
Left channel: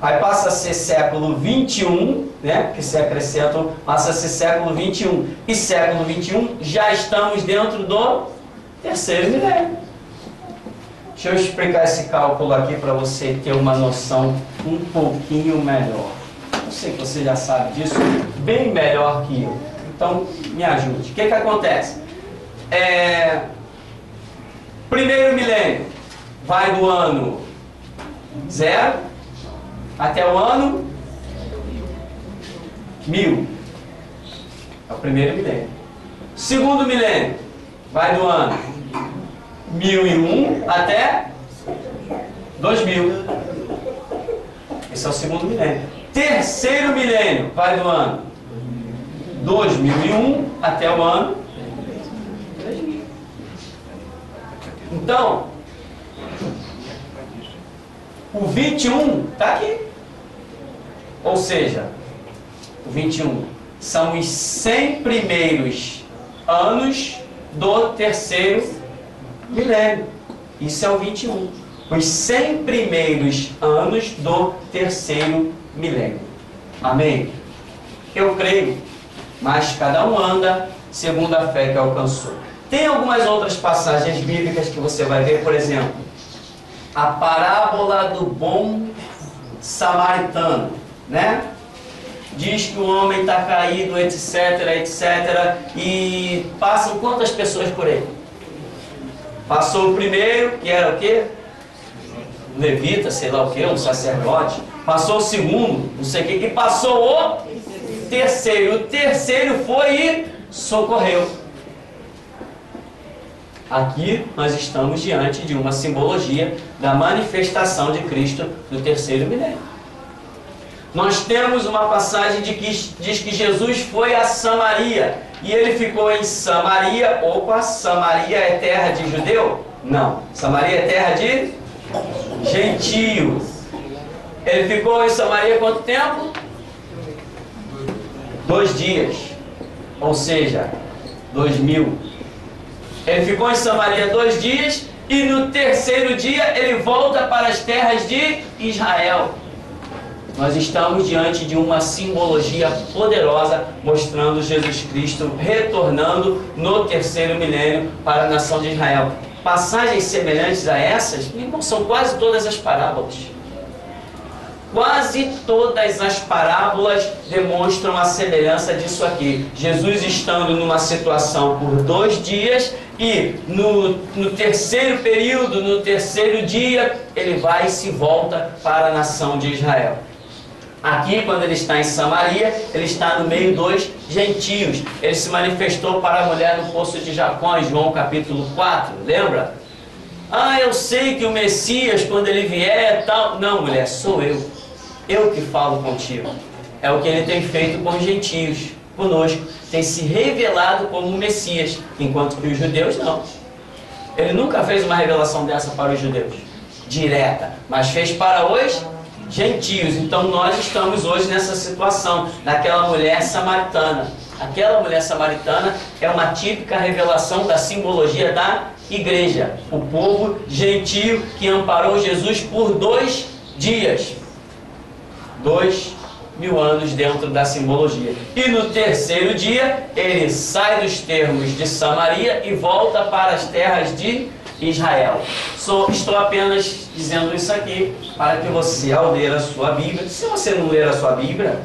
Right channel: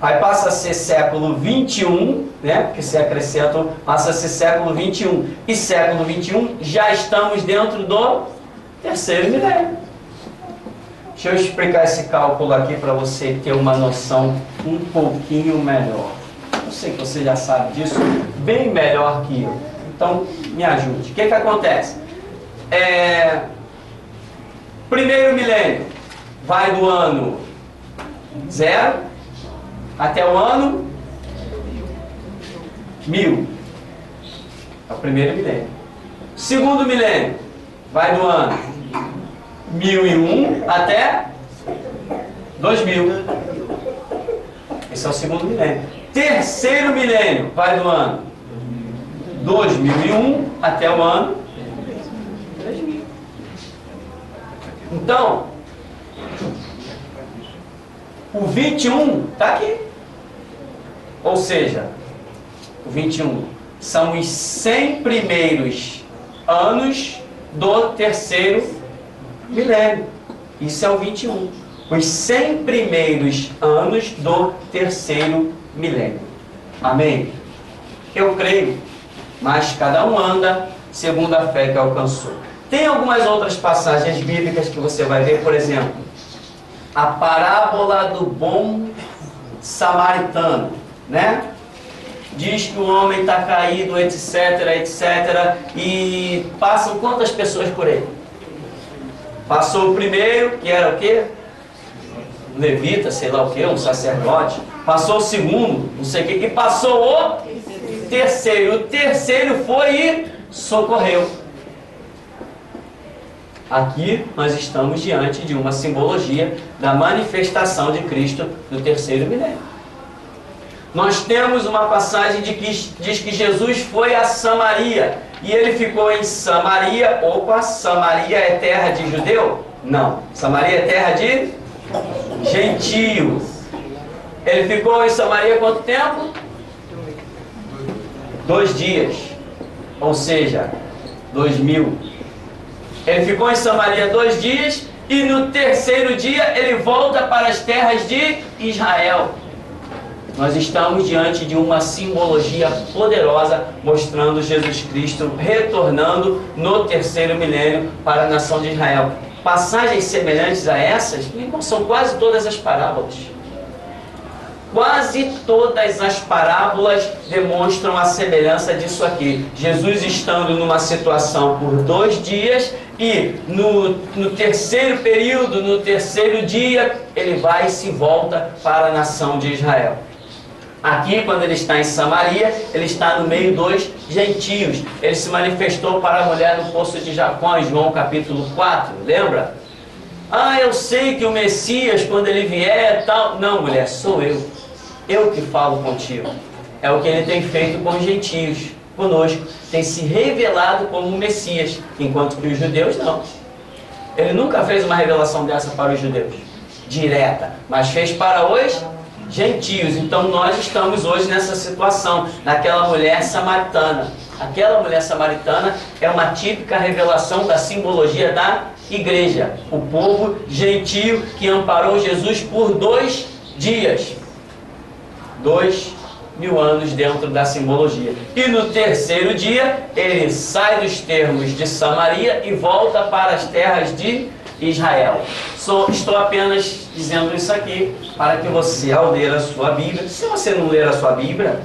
Aí passa a ser século 21, né? Porque se acrescenta, passa a ser século 21. E século 21 já estamos dentro do terceiro milênio. Deixa eu explicar esse cálculo aqui para você ter uma noção um pouquinho melhor. Eu sei que você já sabe disso bem melhor que eu. Então, me ajude. O que acontece? Primeiro milênio vai do ano 0 até o ano 1000. É o primeiro milênio. Segundo milênio vai do ano 1001 até 2000. Esse é o segundo milênio. Terceiro milênio vai do ano 2001 até o ano 3000. Então, o 21 está aqui. Ou seja, o 21 são os 100 primeiros anos do terceiro milênio. Isso é o 21. Os 100 primeiros anos do terceiro milênio. Amém? Eu creio, mas cada um anda segundo a fé que alcançou. Tem algumas outras passagens bíblicas que você vai ver, por exemplo, a parábola do bom samaritano, né? Diz que o homem está caído, etc, etc, e passam quantas pessoas por ele? Passou o primeiro, que era o quê? Um levita, sei lá o quê, um sacerdote. Passou o segundo, não sei o quê, e passou o terceiro. O terceiro foi e socorreu. Aqui nós estamos diante de uma simbologia da manifestação de Cristo no terceiro milênio. Nós temos uma passagem diz que Jesus foi a Samaria e ele ficou em Samaria. Opa, Samaria é terra de judeu? Não, Samaria é terra de gentio. Ele ficou em Samaria quanto tempo? 2 dias, ou seja, 2000. Ele ficou em Samaria 2 dias e no terceiro dia ele volta para as terras de Israel. Nós estamos diante de uma simbologia poderosa mostrando Jesus Cristo retornando no terceiro milênio para a nação de Israel. Passagens semelhantes a essas, irmão, são quase todas as parábolas. Quase todas as parábolas demonstram a semelhança disso aqui. Jesus estando numa situação por 2 dias e no terceiro período, no terceiro dia, ele vai e se volta para a nação de Israel. Aqui, quando ele está em Samaria, ele está no meio dos gentios. Ele se manifestou para a mulher no poço de Jacó, em João capítulo 4, lembra? Ah, eu sei que o Messias, quando ele vier, tal... Não, mulher, sou eu. Eu que falo contigo. É o que ele tem feito com os gentios, conosco. Tem se revelado como o Messias, enquanto que os judeus não. Ele nunca fez uma revelação dessa para os judeus, direta, mas fez para os gentios. Então nós estamos hoje nessa situação, naquela mulher samaritana. Aquela mulher samaritana é uma típica revelação da simbologia da igreja. O povo gentio que amparou Jesus por 2 dias. 2000 anos dentro da simbologia. E no terceiro dia, ele sai dos termos de Samaria e volta para as terras de Israel. Estou apenas dizendo isso aqui para que você, ao ler a sua Bíblia, se você não ler a sua Bíblia,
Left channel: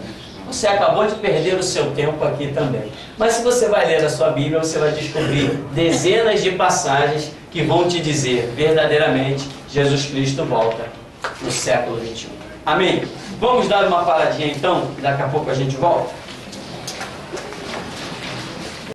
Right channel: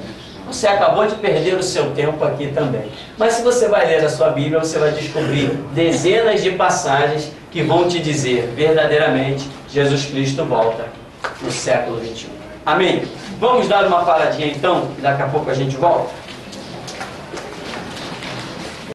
você acabou de perder o seu tempo aqui também. Mas se você vai ler a sua Bíblia, você vai descobrir dezenas de passagens que vão te dizer verdadeiramente Jesus Cristo volta no século 21. Amém? Vamos dar uma paradinha então, e daqui a pouco a gente volta.